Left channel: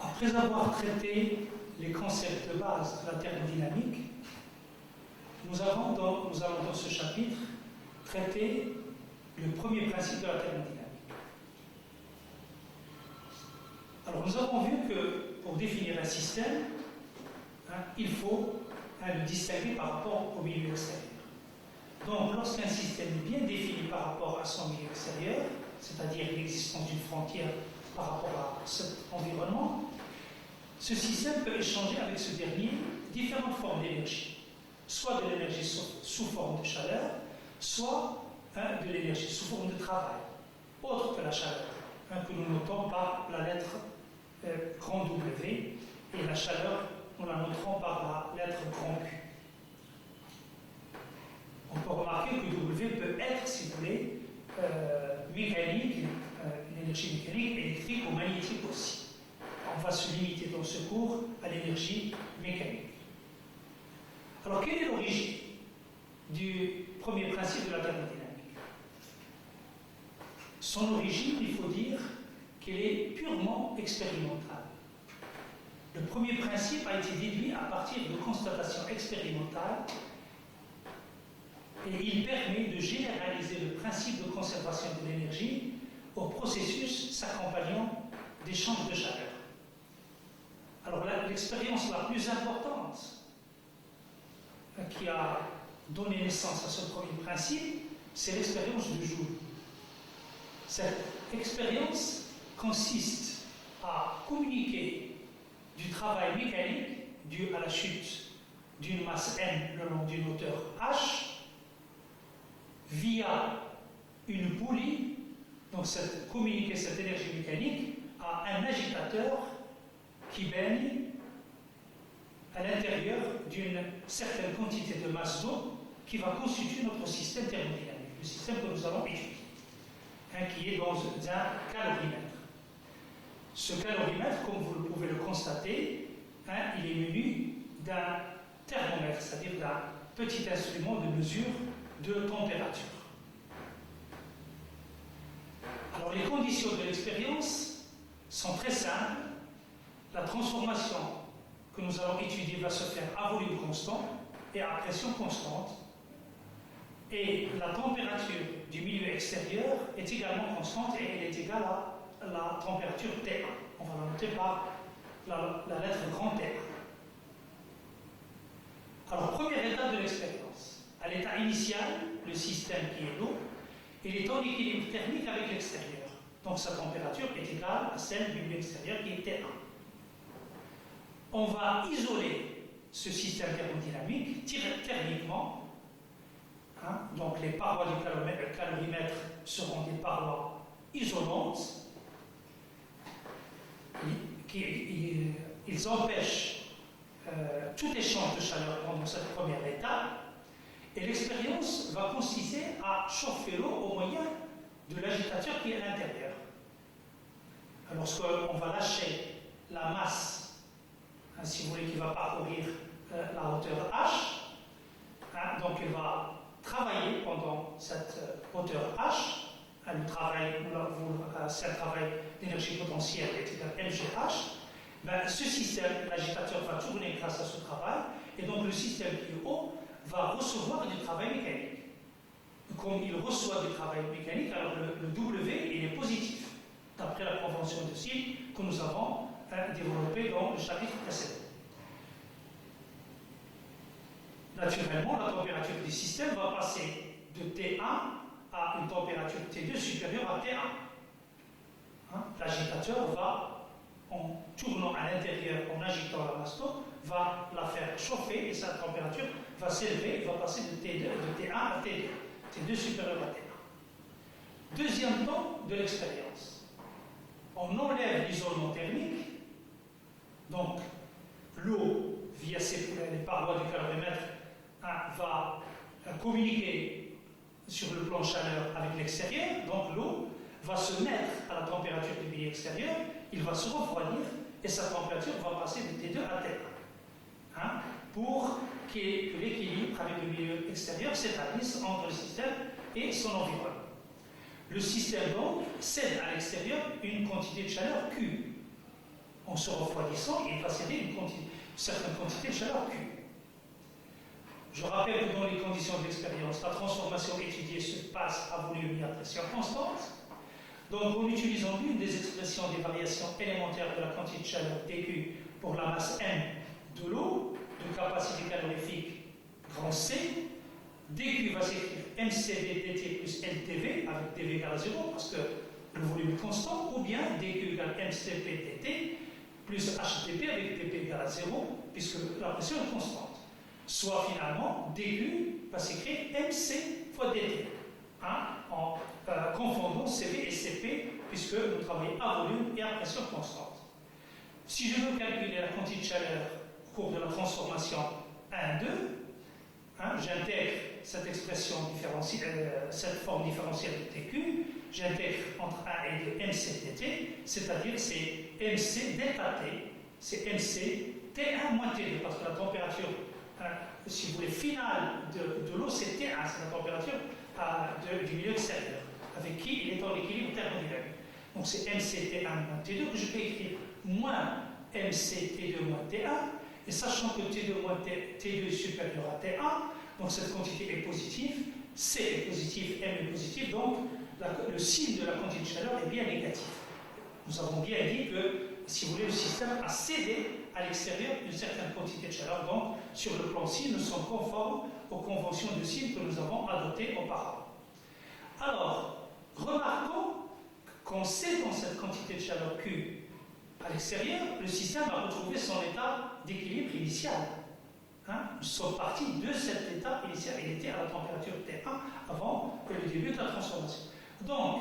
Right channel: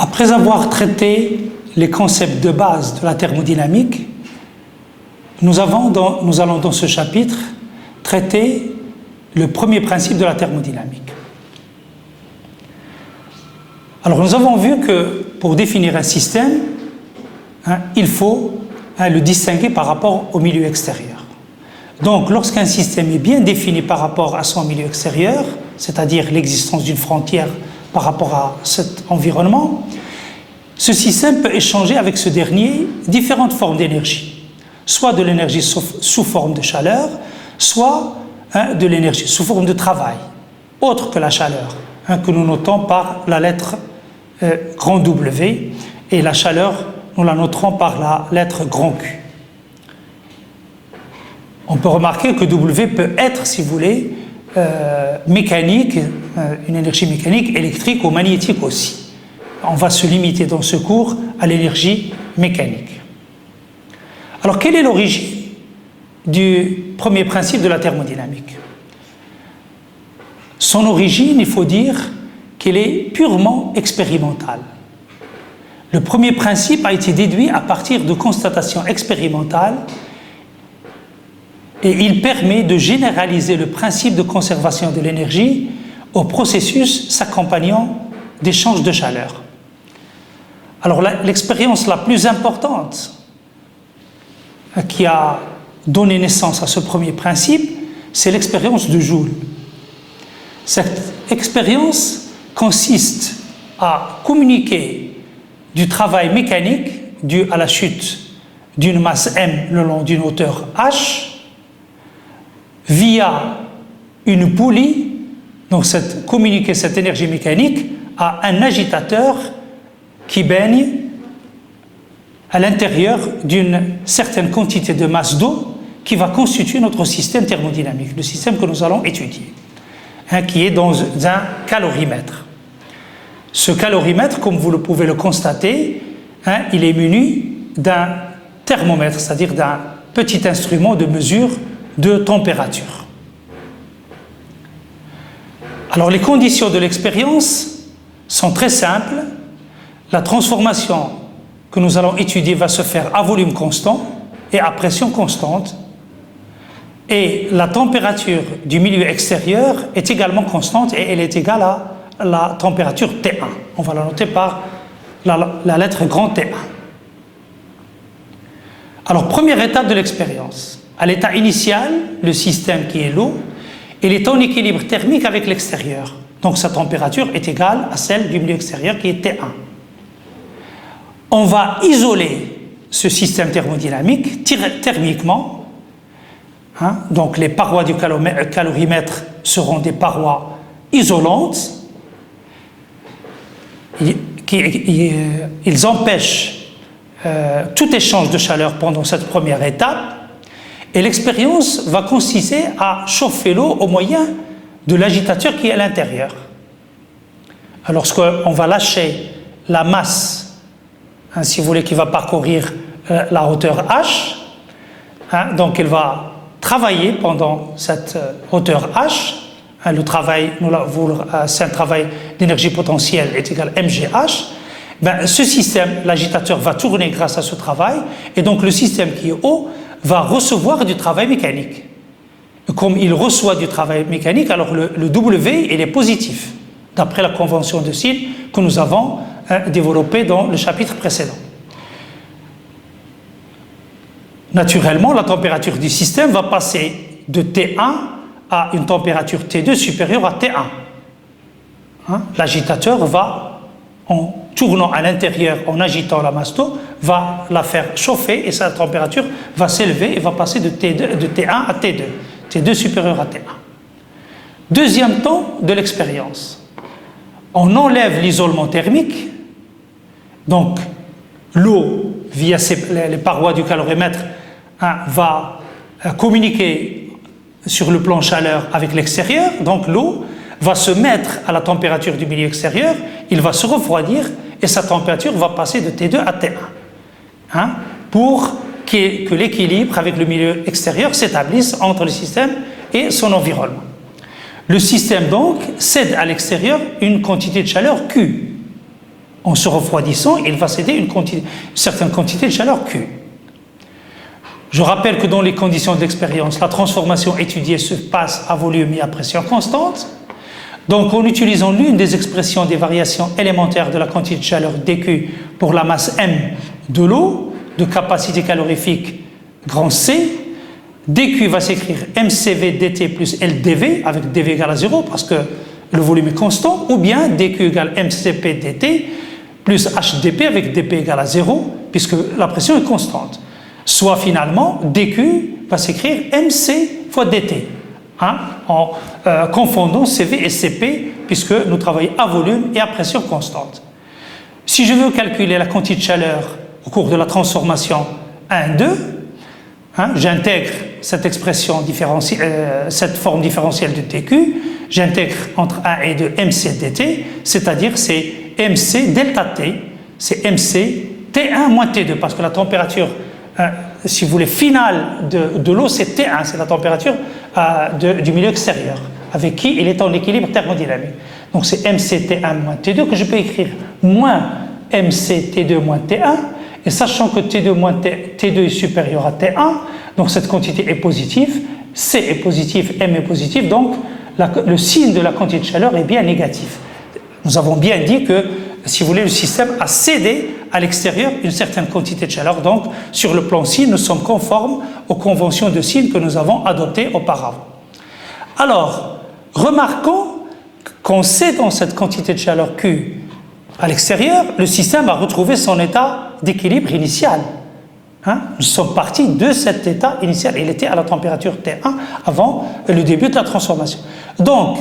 Après avoir traité les concepts de base de la thermodynamique, nous allons dans ce chapitre traiter le premier principe de la thermodynamique. Alors nous avons vu que pour définir un système, il faut le distinguer par rapport au milieu extérieur. Donc lorsqu'un système est bien défini par rapport à son milieu extérieur, c'est-à-dire l'existence d'une frontière par rapport à cet environnement, ce système peut échanger avec ce dernier différentes formes d'énergie, soit de l'énergie sous forme de chaleur, soit de l'énergie sous forme de travail, autre que la chaleur, que nous notons par la lettre grand W, et la chaleur, nous la noterons par la lettre grand Q. On peut remarquer que W peut être, si vous voulez, mécanique, une énergie mécanique, électrique ou magnétique aussi. On va se limiter dans ce cours à l'énergie mécanique. Alors, quelle est l'origine du premier principe de la thermodynamique? Son origine, il faut dire qu'elle est purement expérimentale. Le premier principe a été déduit à partir de constatations expérimentales et il permet de généraliser le principe de conservation de l'énergie au processus s'accompagnant d'échanges de chaleur. Alors l'expérience la plus importante qui a donné naissance à ce premier principe, c'est l'expérience de Joule. Cette expérience consiste à communiquer du travail mécanique dû à la chute d'une masse m le long d'une hauteur h via une poulie, donc communiquer cette énergie mécanique à un agitateur qui baigne à l'intérieur d'une certaine quantité de masse d'eau qui va constituer notre système thermodynamique, le système que nous allons étudier, qui est dans un calorimètre. Ce calorimètre, comme vous pouvez le constater, il est muni d'un thermomètre, c'est-à-dire d'un petit instrument de mesure de température. Alors les conditions de l'expérience sont très simples. La transformation que nous allons étudier va se faire à volume constant et à pression constante. Et la température du milieu extérieur est également constante et elle est égale à la température T1. On va la noter par la lettre grand T1. Alors, première étape de l'expérience. À l'état initial, le système qui est l'eau, il est en équilibre thermique avec l'extérieur. Donc, sa température est égale à celle du milieu extérieur qui est T1. On va isoler ce système thermodynamique thermiquement. Donc, les parois du calorimètre seront des parois isolantes. Ils empêchent tout échange de chaleur pendant cette première étape et l'expérience va consister à chauffer l'eau au moyen de l'agitateur qui est à l'intérieur. Lorsqu'on va lâcher la masse, si vous voulez, qui va parcourir la hauteur h, donc elle va travailler pendant cette hauteur h. Le travail, c'est un travail d'énergie potentielle est égal à mgh. Ce système, l'agitateur va tourner grâce à ce travail et donc le système qui est haut va recevoir du travail mécanique. Comme il reçoit du travail mécanique, alors le W il est positif, d'après la convention de Sill que nous avons développée dans le chapitre précédent. Naturellement, la température du système va passer de T1 à une température T2 supérieure à T1. L'agitateur va, en tournant à l'intérieur, en agitant la masse d'eau, va la faire chauffer et sa température va s'élever et va passer de T1 à T2. T2 supérieur à T1. Deuxième temps de l'expérience. On enlève l'isolement thermique, donc l'eau, via les parois du calorimètre, va communiquer sur le plan chaleur avec l'extérieur, donc l'eau va se mettre à la température du milieu extérieur, il va se refroidir et sa température va passer de T2 à T1 pour que l'équilibre avec le milieu extérieur s'établisse entre le système et son environnement. Le système donc cède à l'extérieur une quantité de chaleur Q. En se refroidissant, il va céder une certaine quantité de chaleur Q. Je rappelle que dans les conditions de l'expérience, la transformation étudiée se passe à volume et à pression constante. Donc, en utilisant l'une des expressions des variations élémentaires de la quantité de chaleur dQ pour la masse M de l'eau, de capacité calorifique grand C, dQ va s'écrire mCv dt plus LdV, avec dV égale à 0 parce que le volume est constant, ou bien dQ égale mCp dt plus HdP avec dP égale à 0 puisque la pression est constante. Soit finalement, dQ va s'écrire mc fois dt, en confondant CV et Cp puisque nous travaillons à volume et à pression constante. Si je veux calculer la quantité de chaleur au cours de la transformation 1, 2, j'intègre cette expression cette forme différentielle de dQ, j'intègre entre 1 et 2 mc dt, c'est-à-dire c'est mc delta t, c'est mc T1 moins T2, parce que la température, si vous voulez, finale de l'eau, c'est T1, c'est la température du milieu extérieur, avec qui il est en équilibre thermodynamique. Donc c'est mc T1 moins T2 que je peux écrire moins mc T2 moins T1, et sachant que T2 moins T2 est supérieur à T1, donc cette quantité est positive, C est positif, M est positif, donc le signe de la quantité de chaleur est bien négatif. Nous avons bien dit que, si vous voulez, le système a cédé à l'extérieur une certaine quantité de chaleur. Donc, sur le plan signe, nous sommes conformes aux conventions de signe que nous avons adoptées auparavant. Alors, remarquons qu'en cédant cette quantité de chaleur Q à l'extérieur, le système a retrouvé son état d'équilibre initial. Nous sommes partis de cet état initial. Il était à la température T1 avant le début de la transformation. Donc,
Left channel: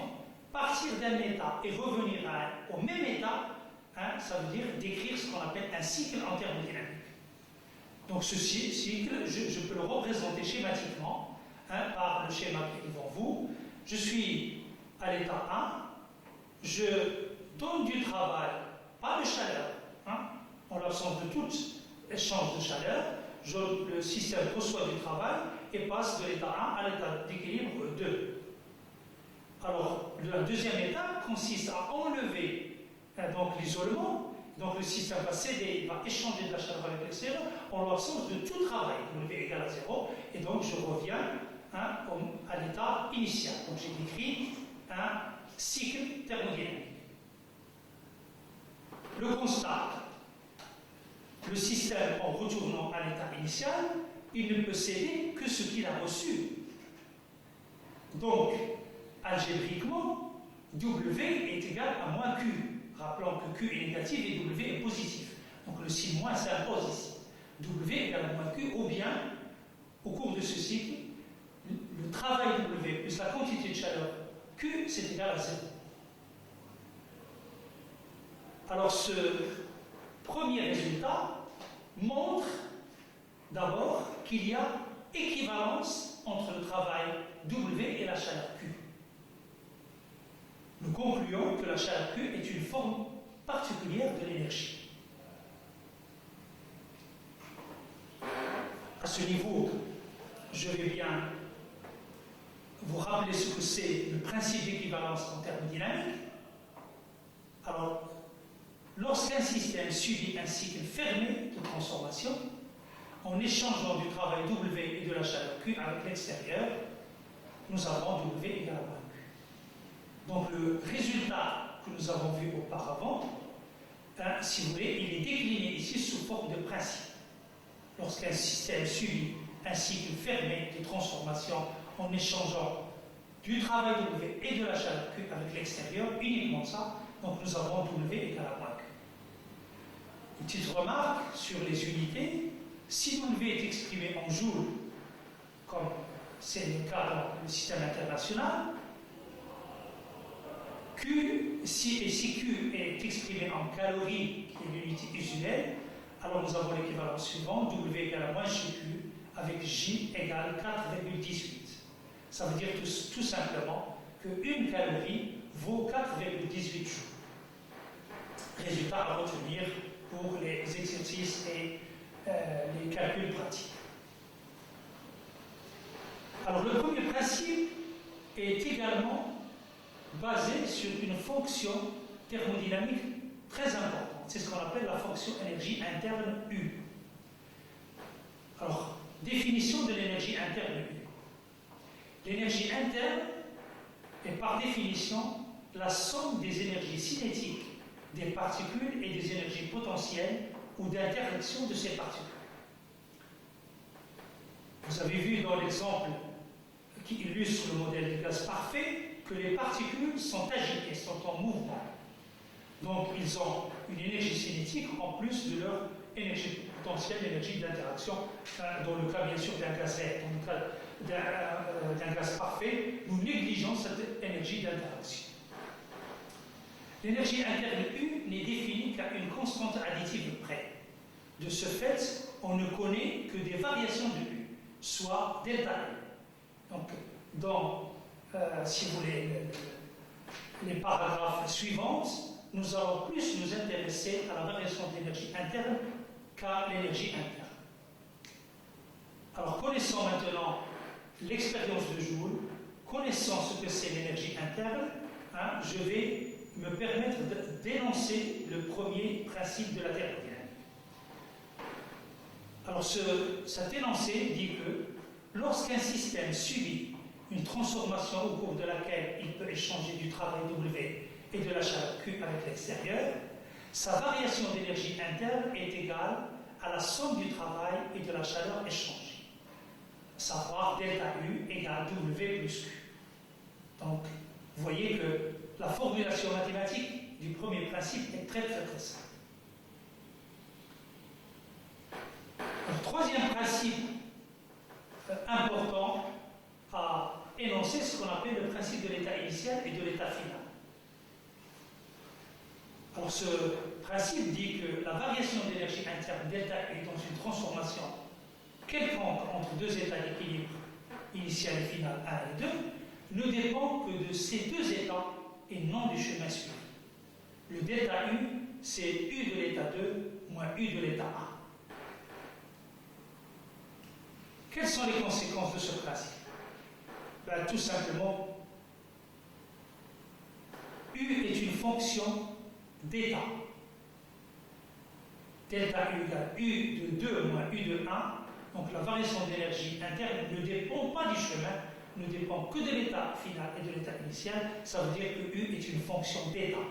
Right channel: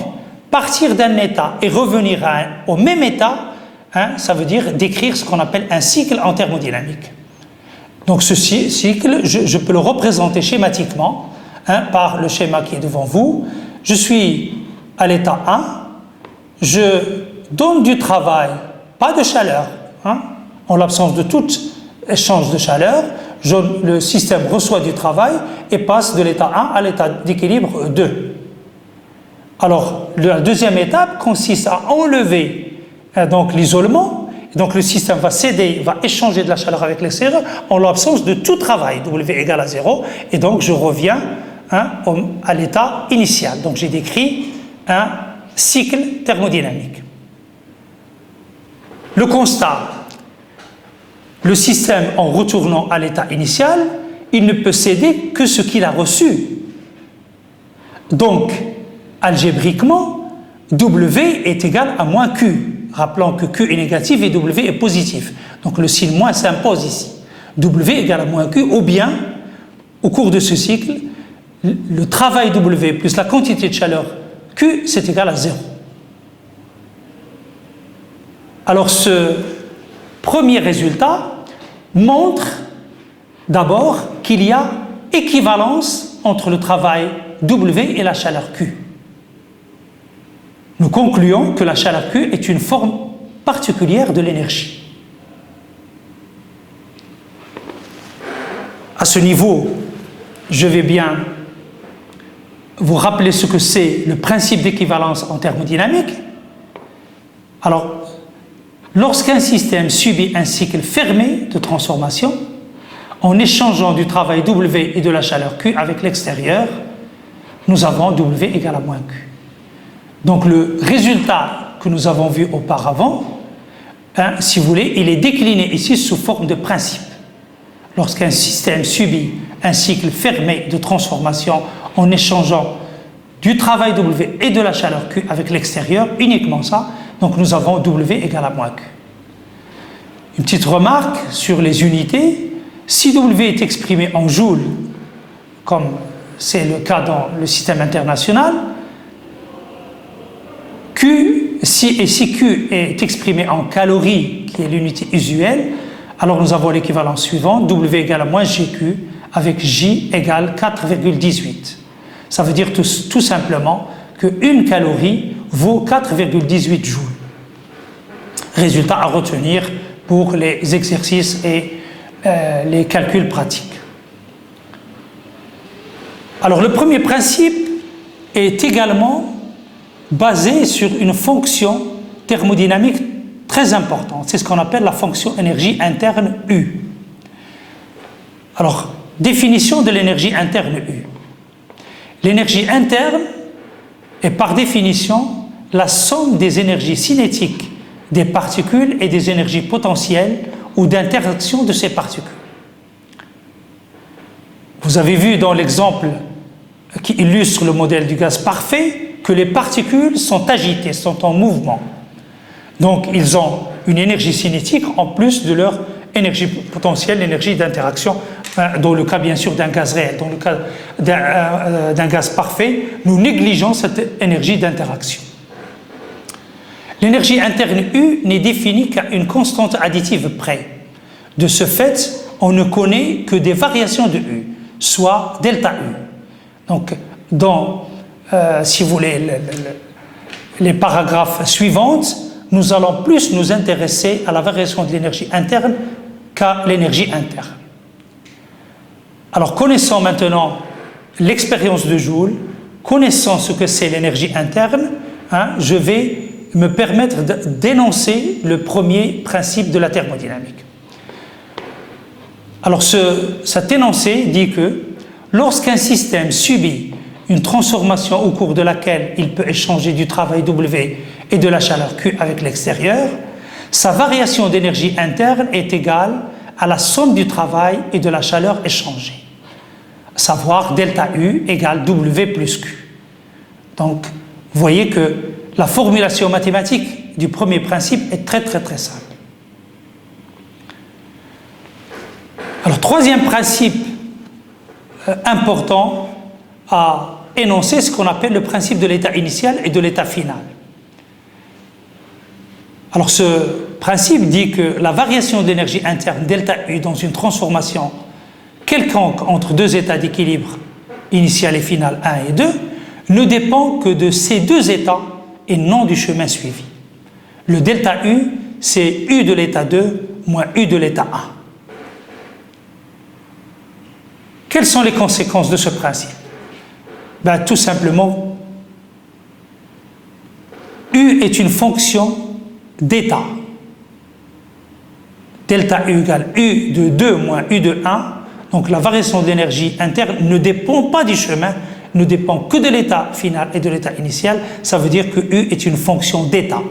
partir d'un état et revenir au même état, ça veut dire décrire ce qu'on appelle un cycle en thermodynamique. Donc ce cycle, je peux le représenter schématiquement par le schéma qui est devant vous. Je suis à l'état 1, je donne du travail, pas de chaleur, en l'absence de tout échange de chaleur, le système reçoit du travail et passe de l'état 1 à l'état d'équilibre 2. Alors, la deuxième étape consiste à enlever donc l'isolement. Donc, le système va céder, va échanger de la chaleur avec l'extérieur en l'absence de tout travail, W égale à 0. Et donc, je reviens à l'état initial. Donc, j'ai décrit un cycle thermodynamique. Le constat, le système, en retournant à l'état initial, il ne peut céder que ce qu'il a reçu. Donc, algébriquement, W est égal à moins Q. Rappelons que Q est négatif et W est positif. Donc le signe moins s'impose ici. W égale à moins Q, ou bien, au cours de ce cycle, le travail W plus la quantité de chaleur Q, c'est égal à 0. Alors ce premier résultat montre d'abord qu'il y a équivalence entre le travail W et la chaleur Q. Nous concluons que la chaleur Q est une forme particulière de l'énergie. À ce niveau, je vais bien vous rappeler ce que c'est le principe d'équivalence en thermodynamique. Alors, lorsqu'un système subit un cycle fermé de transformation, en échangeant du travail W et de la chaleur Q avec l'extérieur, nous avons W égale à moins Q. Donc le résultat que nous avons vu auparavant, si vous voulez, il est décliné ici sous forme de principe. Lorsqu'un système subit un cycle fermé de transformation en échangeant du travail W et de la chaleur Q avec l'extérieur, uniquement ça, donc nous avons W égale à moins Q. Une petite remarque sur les unités, si W est exprimé en joules, comme c'est le cas dans le système international, si Q est exprimé en calories, qui est l'unité usuelle, alors nous avons l'équivalence suivante, W égale à moins GQ, avec J égale 4,18. Ça veut dire tout simplement qu'une calorie vaut 4,18 joules. Résultat à retenir pour les exercices et les calculs pratiques. Alors le premier principe est également basé sur une fonction thermodynamique très importante. C'est ce qu'on appelle la fonction énergie interne U. Alors, définition de l'énergie interne U. L'énergie interne est par définition la somme des énergies cinétiques des particules et des énergies potentielles ou d'interaction de ces particules. Vous avez vu dans l'exemple qui illustre le modèle du gaz parfait que les particules sont agitées, sont en mouvement. Donc ils ont une énergie cinétique en plus de leur énergie potentielle, l'énergie d'interaction, dans le cas bien sûr d'un gaz réel. Dans le cas d'un gaz parfait, nous négligeons cette énergie d'interaction. L'énergie interne U n'est définie qu'à une constante additive près. De ce fait, on ne connaît que des variations de U, soit delta U. Donc, si vous voulez, les paragraphes suivants, nous allons plus nous intéresser à la variation de l'énergie interne qu'à l'énergie interne. Alors, connaissons maintenant l'expérience de Joule, connaissant ce que c'est l'énergie interne, je vais me permettre d'énoncer le premier principe de la thermodynamique. Alors, cet énoncé dit que lorsqu'un système subit une transformation au cours de laquelle il peut échanger du travail W et de la chaleur Q avec l'extérieur, sa variation d'énergie interne est égale à la somme du travail et de la chaleur échangée, à savoir delta U égale W plus Q. Donc, vous voyez que la formulation mathématique du premier principe est très simple. Alors, troisième principe important à énoncer, ce qu'on appelle le principe de l'état initial et de l'état final. Alors, ce principe dit que la variation d'énergie interne delta U dans une transformation quelconque entre deux états d'équilibre initial et final 1 et 2 ne dépend que de ces deux états et non du chemin suivi. Le delta U, c'est U de l'état 2 moins U de l'état 1. Quelles sont les conséquences de ce principe? Tout simplement, U est une fonction d'état. Delta U égale U de 2 moins U de 1. Donc la variation d'énergie interne ne dépend pas du chemin, ne dépend que de l'état final et de l'état initial. Ça veut dire que U est une fonction d'état.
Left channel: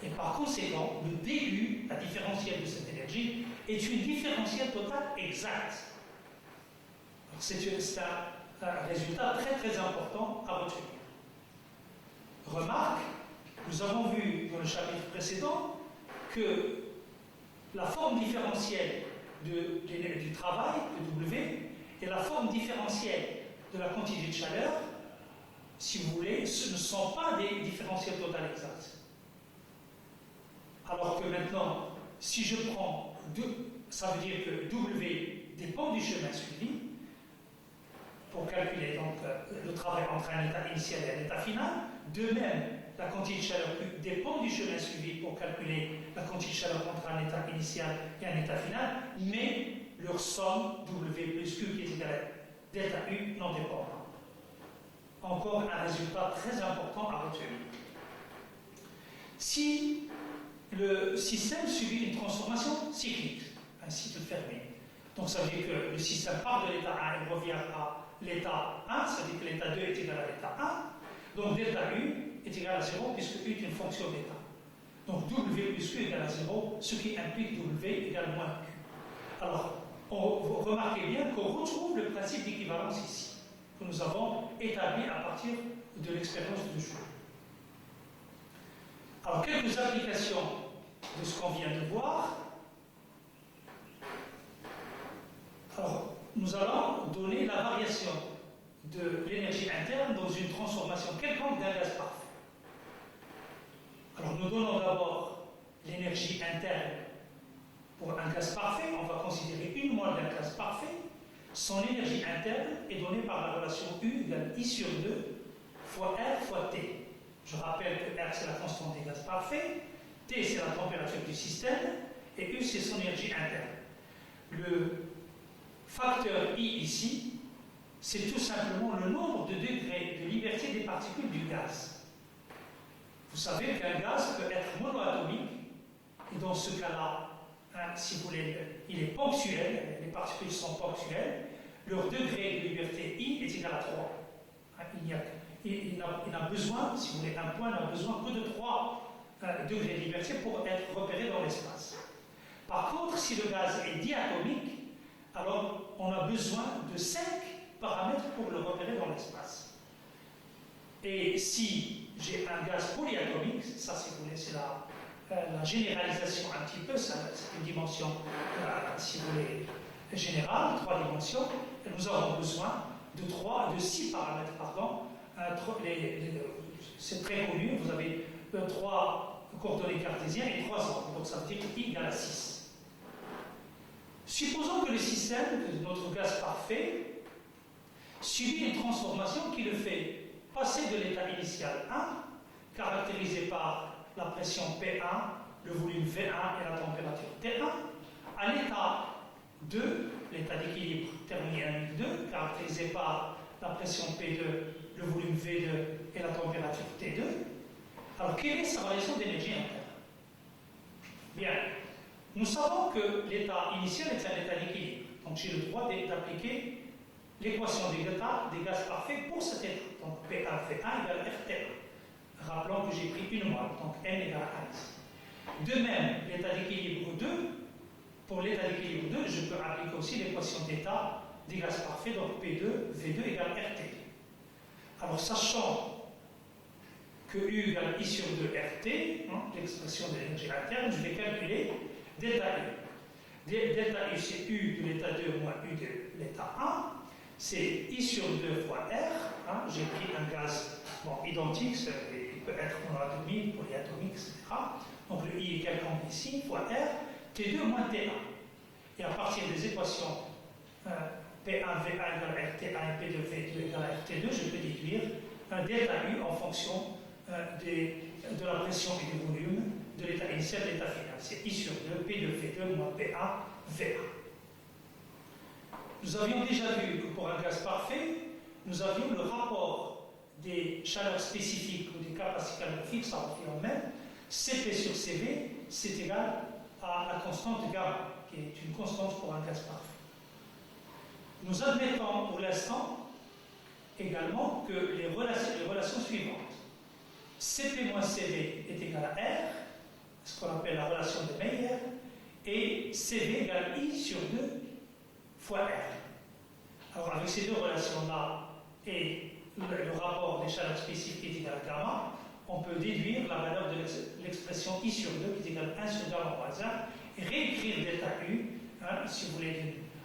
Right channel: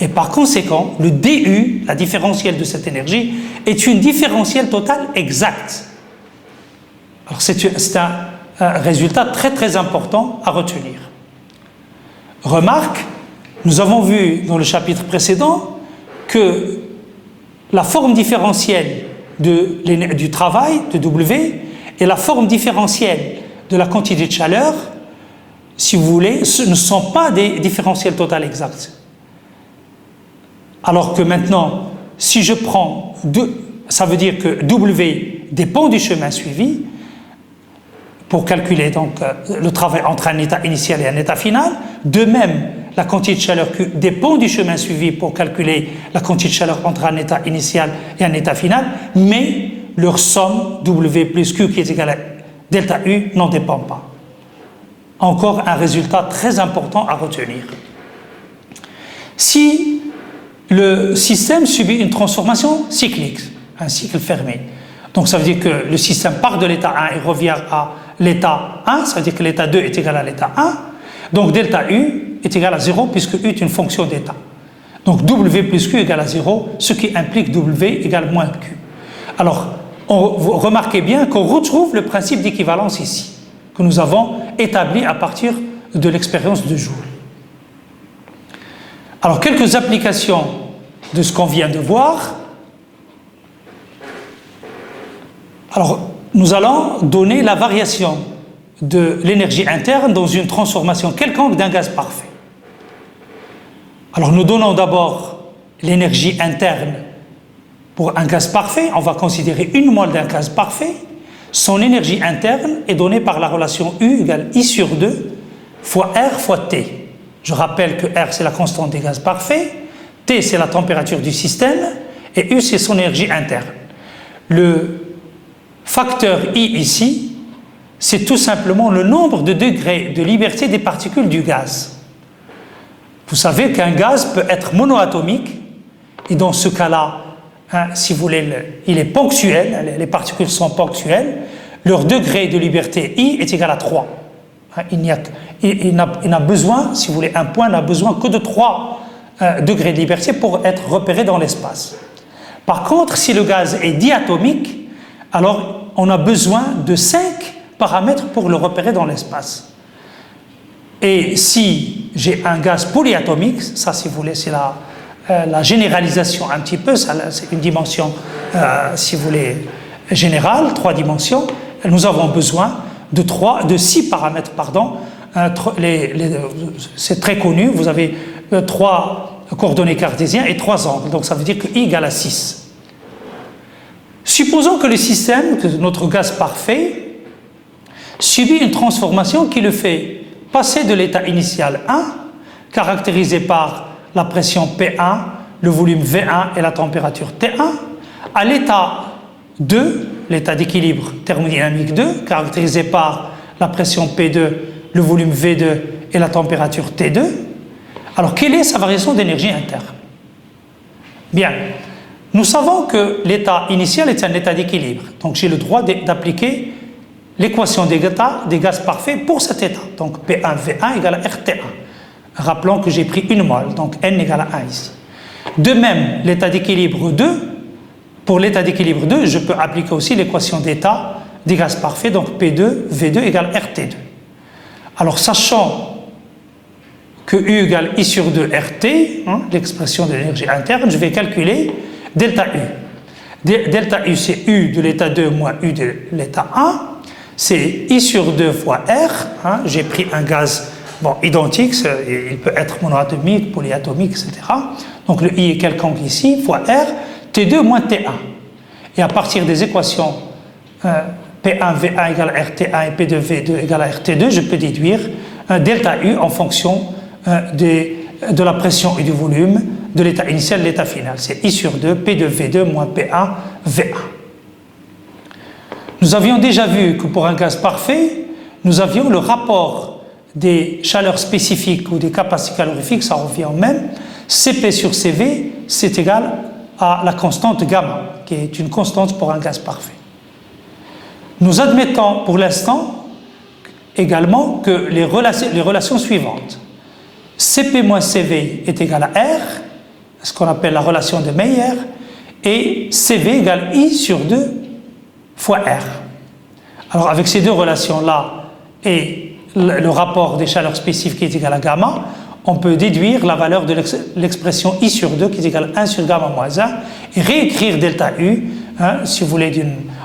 Et par conséquent, le dU, la différentielle de cette énergie, est une différentielle totale exacte. Alors c'est un résultat très important à retenir. Remarque, nous avons vu dans le chapitre précédent que la forme différentielle du travail, de W, et la forme différentielle de la quantité de chaleur, si vous voulez, ne sont pas des différentiels totales exacts. Alors que maintenant, si je prends ça veut dire que W dépend du chemin suivi, pour calculer donc le travail entre un état initial et un état final. De même, la quantité de chaleur Q dépend du chemin suivi pour calculer la quantité de chaleur entre un état initial et un état final, mais leur somme W plus Q qui est égale à delta U n'en dépend pas. Encore un résultat très important à retenir. Si le système subit une transformation cyclique, un cycle fermé, donc ça veut dire que le système part de l'état 1 et revient à l'état 1, ça veut dire que l'état 2 est égal à l'état 1, donc delta U est égal à 0 puisque U est une fonction d'état. Donc W plus Q égale à 0, ce qui implique W égale moins Q. Alors, vous remarquez bien qu'on retrouve le principe d'équivalence ici, que nous avons établi à partir de l'expérience de Joule. Alors, quelques applications de ce qu'on vient de voir. Alors, nous allons donner la variation de l'énergie interne dans une transformation quelconque d'un gaz parfait. Alors, nous donnons d'abord l'énergie interne pour un gaz parfait. On va considérer une mole d'un gaz parfait. Son énergie interne est donnée par la relation U égale I sur 2 fois R fois T. Je rappelle que R, c'est la constante des gaz parfaits, T, c'est la température du système, et U, c'est son énergie interne. Le facteur I ici, c'est tout simplement le nombre de degrés de liberté des particules du gaz. Vous savez qu'un gaz peut être monoatomique Et dans ce cas-là, hein, si vous voulez, il est ponctuel, les particules sont ponctuelles, leur degré de liberté I est égal à 3. Hein, il n'a besoin, si vous voulez, un point n'a besoin que de 3 degrés de liberté pour être repéré dans l'espace. Par contre, si le gaz est diatomique, alors on a besoin de 5 paramètres pour le repérer dans l'espace. Et si j'ai un gaz polyatomique, ça si vous voulez c'est la généralisation un petit peu, c'est une dimension si vous voulez générale, 3 dimensions, nous avons besoin de 6 paramètres, pardon. C'est très connu, vous avez 3 coordonnées cartésiennes et 3 angles, donc ça veut dire que I égale à 6. Supposons que le système, que notre gaz parfait, subit une transformation qui le fait passer de l'état initial 1, caractérisé par la pression P1, le volume V1 et la température T1, à l'état 2, l'état d'équilibre thermodynamique 2, caractérisé par la pression P2, le volume V2 et la température T2. Alors, quelle est sa variation d'énergie interne? Bien, nous savons que l'état initial est un état d'équilibre, donc j'ai le droit d'appliquer l'équation des gaz parfaits pour cet état. Donc P1 V1 égale à RT1. Rappelons que j'ai pris une mole, donc N égale à 1 ici. De même, l'état d'équilibre 2, pour l'état d'équilibre 2, je peux appliquer aussi l'équation d'état des gaz parfaits, donc P2 V2 égale RT2. Alors sachant que U égale I sur 2 RT, hein, l'expression de l'énergie interne, je vais calculer delta U. Delta U c'est U de l'état 2 moins U de l'état 1. C'est I sur 2 fois R, hein, j'ai pris un gaz identique, il peut être monoatomique, polyatomique, etc. Donc le I est quelconque ici, fois R, T2 moins T1. Et à partir des équations P1 V1 égale à RT1 et P2 V2 égale à RT2, je peux déduire delta U en fonction de la pression et du volume de l'état initial et l'état final. C'est I sur 2, P2 V2 moins P1 V1. Nous avions déjà vu que pour un gaz parfait, nous avions le rapport des chaleurs spécifiques ou des capacités calorifiques, ça revient au même. Cp sur Cv, c'est égal à la constante gamma, qui est une constante pour un gaz parfait. Nous admettons pour l'instant également que les relations suivantes. Cp moins Cv est égal à R, ce qu'on appelle la relation de Mayer, et Cv égale I sur 2 fois R. Alors avec ces deux relations-là et le rapport des chaleurs spécifiques qui est égal à gamma, on peut déduire la valeur de l'expression I sur 2 qui est égale à 1 sur gamma moins 1 et réécrire delta U, hein, si vous voulez,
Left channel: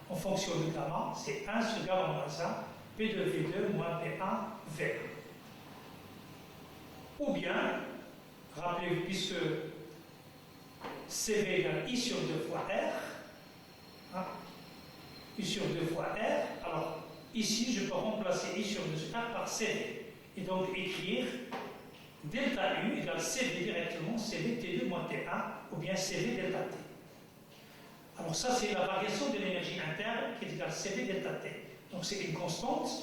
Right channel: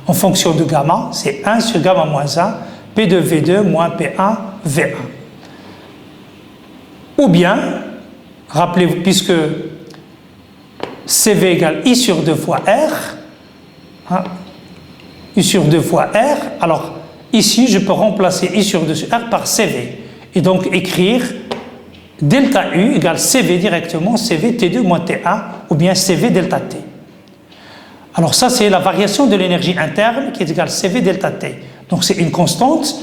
en fonction de gamma, c'est 1 sur gamma moins 1, P2 V2 moins P1 V1. Ou bien, rappelez-vous, puisque CV égale I sur 2 fois R, hein, I sur 2 fois R, alors ici je peux remplacer I sur 2 sur R par CV et donc écrire delta U égale CV directement, CV T2 moins T1 ou bien CV delta T. Alors ça c'est la variation de l'énergie interne qui est égale CV delta T. Donc c'est une constante,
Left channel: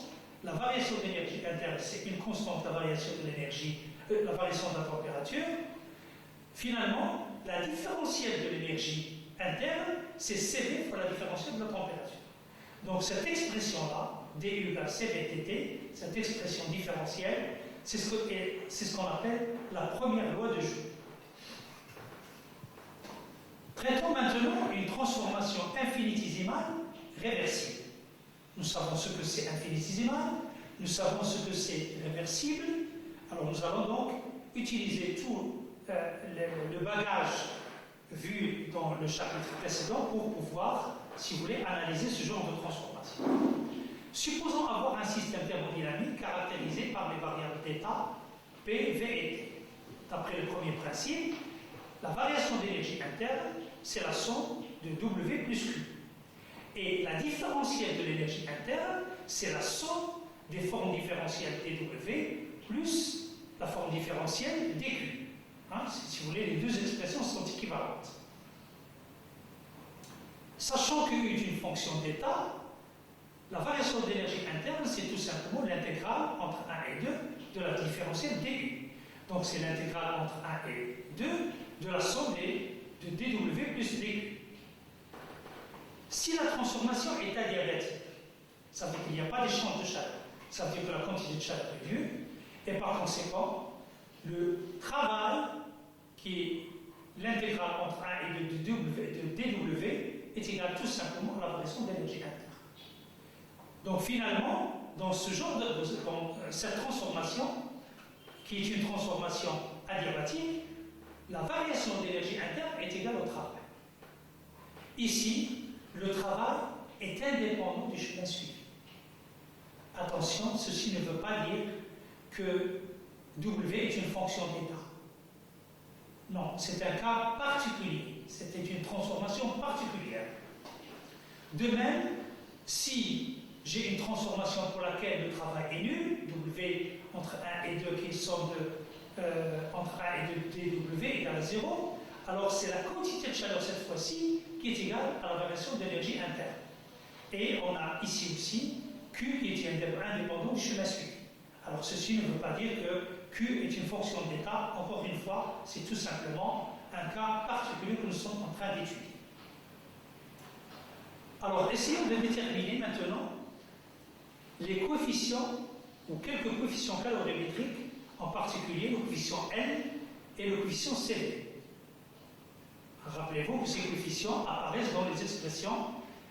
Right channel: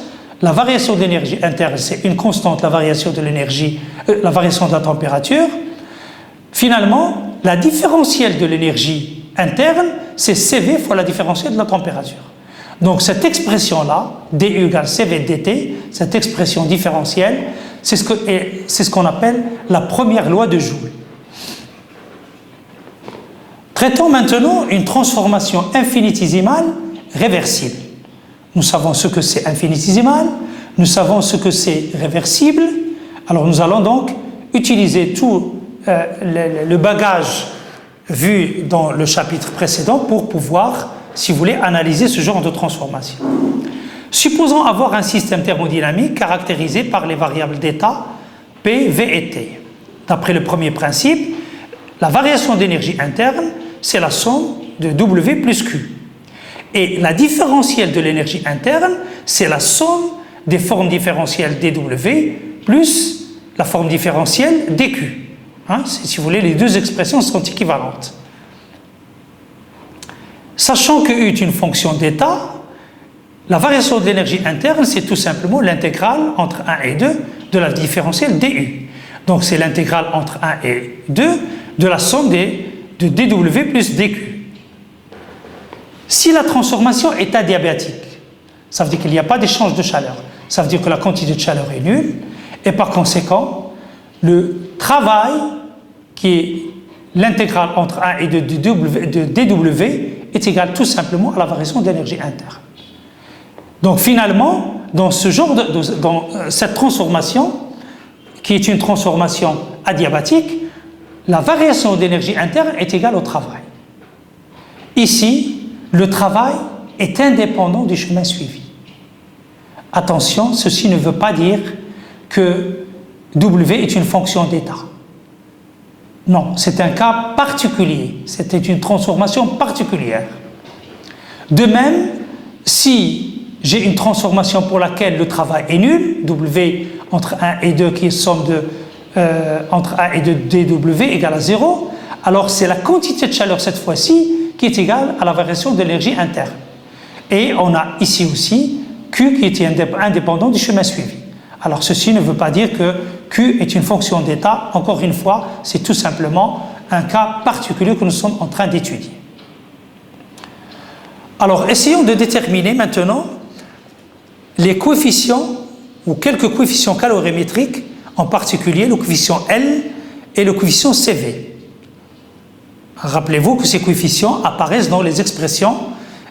la variation de l'énergie interne c'est une constante, la variation de l'énergie, la variation de la température. Finalement, la différentielle de l'énergie interne, c'est CV fois la différentielle de la température. Donc cette expression-là, dU égale CV dt, cette expression différentielle, c'est ce qu'on appelle la première loi de Joule. Traitons maintenant une transformation infinitésimale réversible. Nous savons ce que c'est infinitésimal, nous savons ce que c'est réversible, alors nous allons donc utiliser tout le bagage vu dans le chapitre précédent pour pouvoir, si vous voulez, analyser ce genre de transformation. Supposons avoir un système thermodynamique caractérisé par les variables d'état P, V et T. D'après le premier principe, la variation d'énergie interne, c'est la somme de W plus Q. Et la différentielle de l'énergie interne, c'est la somme des formes différentielles dW plus la forme différentielle dQ. Hein, si vous voulez, les deux expressions sont équivalentes. Sachant que U est une fonction d'état, la variation de l'énergie interne, c'est tout simplement l'intégrale entre 1 et 2 de la différentielle dU. Donc c'est l'intégrale entre 1 et 2 de la somme des de dW plus dQ. Si la transformation est adiabatique, ça veut dire qu'il n'y a pas d'échange de chaleur. Ça veut dire que la quantité de chaleur est nulle et par conséquent, le travail qui est l'intégrale entre 1 et 2 de dW est égal tout simplement à la variation d'énergie interne. Donc finalement, dans cette transformation, qui est une transformation adiabatique, la variation d'énergie interne est égale au travail. Ici, le travail est indépendant du chemin suivi. Attention, ceci ne veut pas dire que W est une fonction d'état. Non, c'est un cas particulier, c'était une transformation particulière. De même, si j'ai une transformation pour laquelle le travail est nul, W entre 1 et 2 qui est somme de entre 1 et 2 dW égale à 0, alors c'est la quantité de chaleur cette fois-ci qui est égale à la variation de l'énergie interne. Et on a ici aussi Q qui est indépendant du chemin suivi. Alors ceci ne veut pas dire que Q est une fonction d'état. Encore une fois, c'est tout simplement un cas particulier que nous sommes en train d'étudier. Alors essayons de déterminer maintenant les coefficients ou quelques coefficients calorimétriques, en particulier le coefficient L et le coefficient CV. Rappelez-vous que ces coefficients apparaissent dans les expressions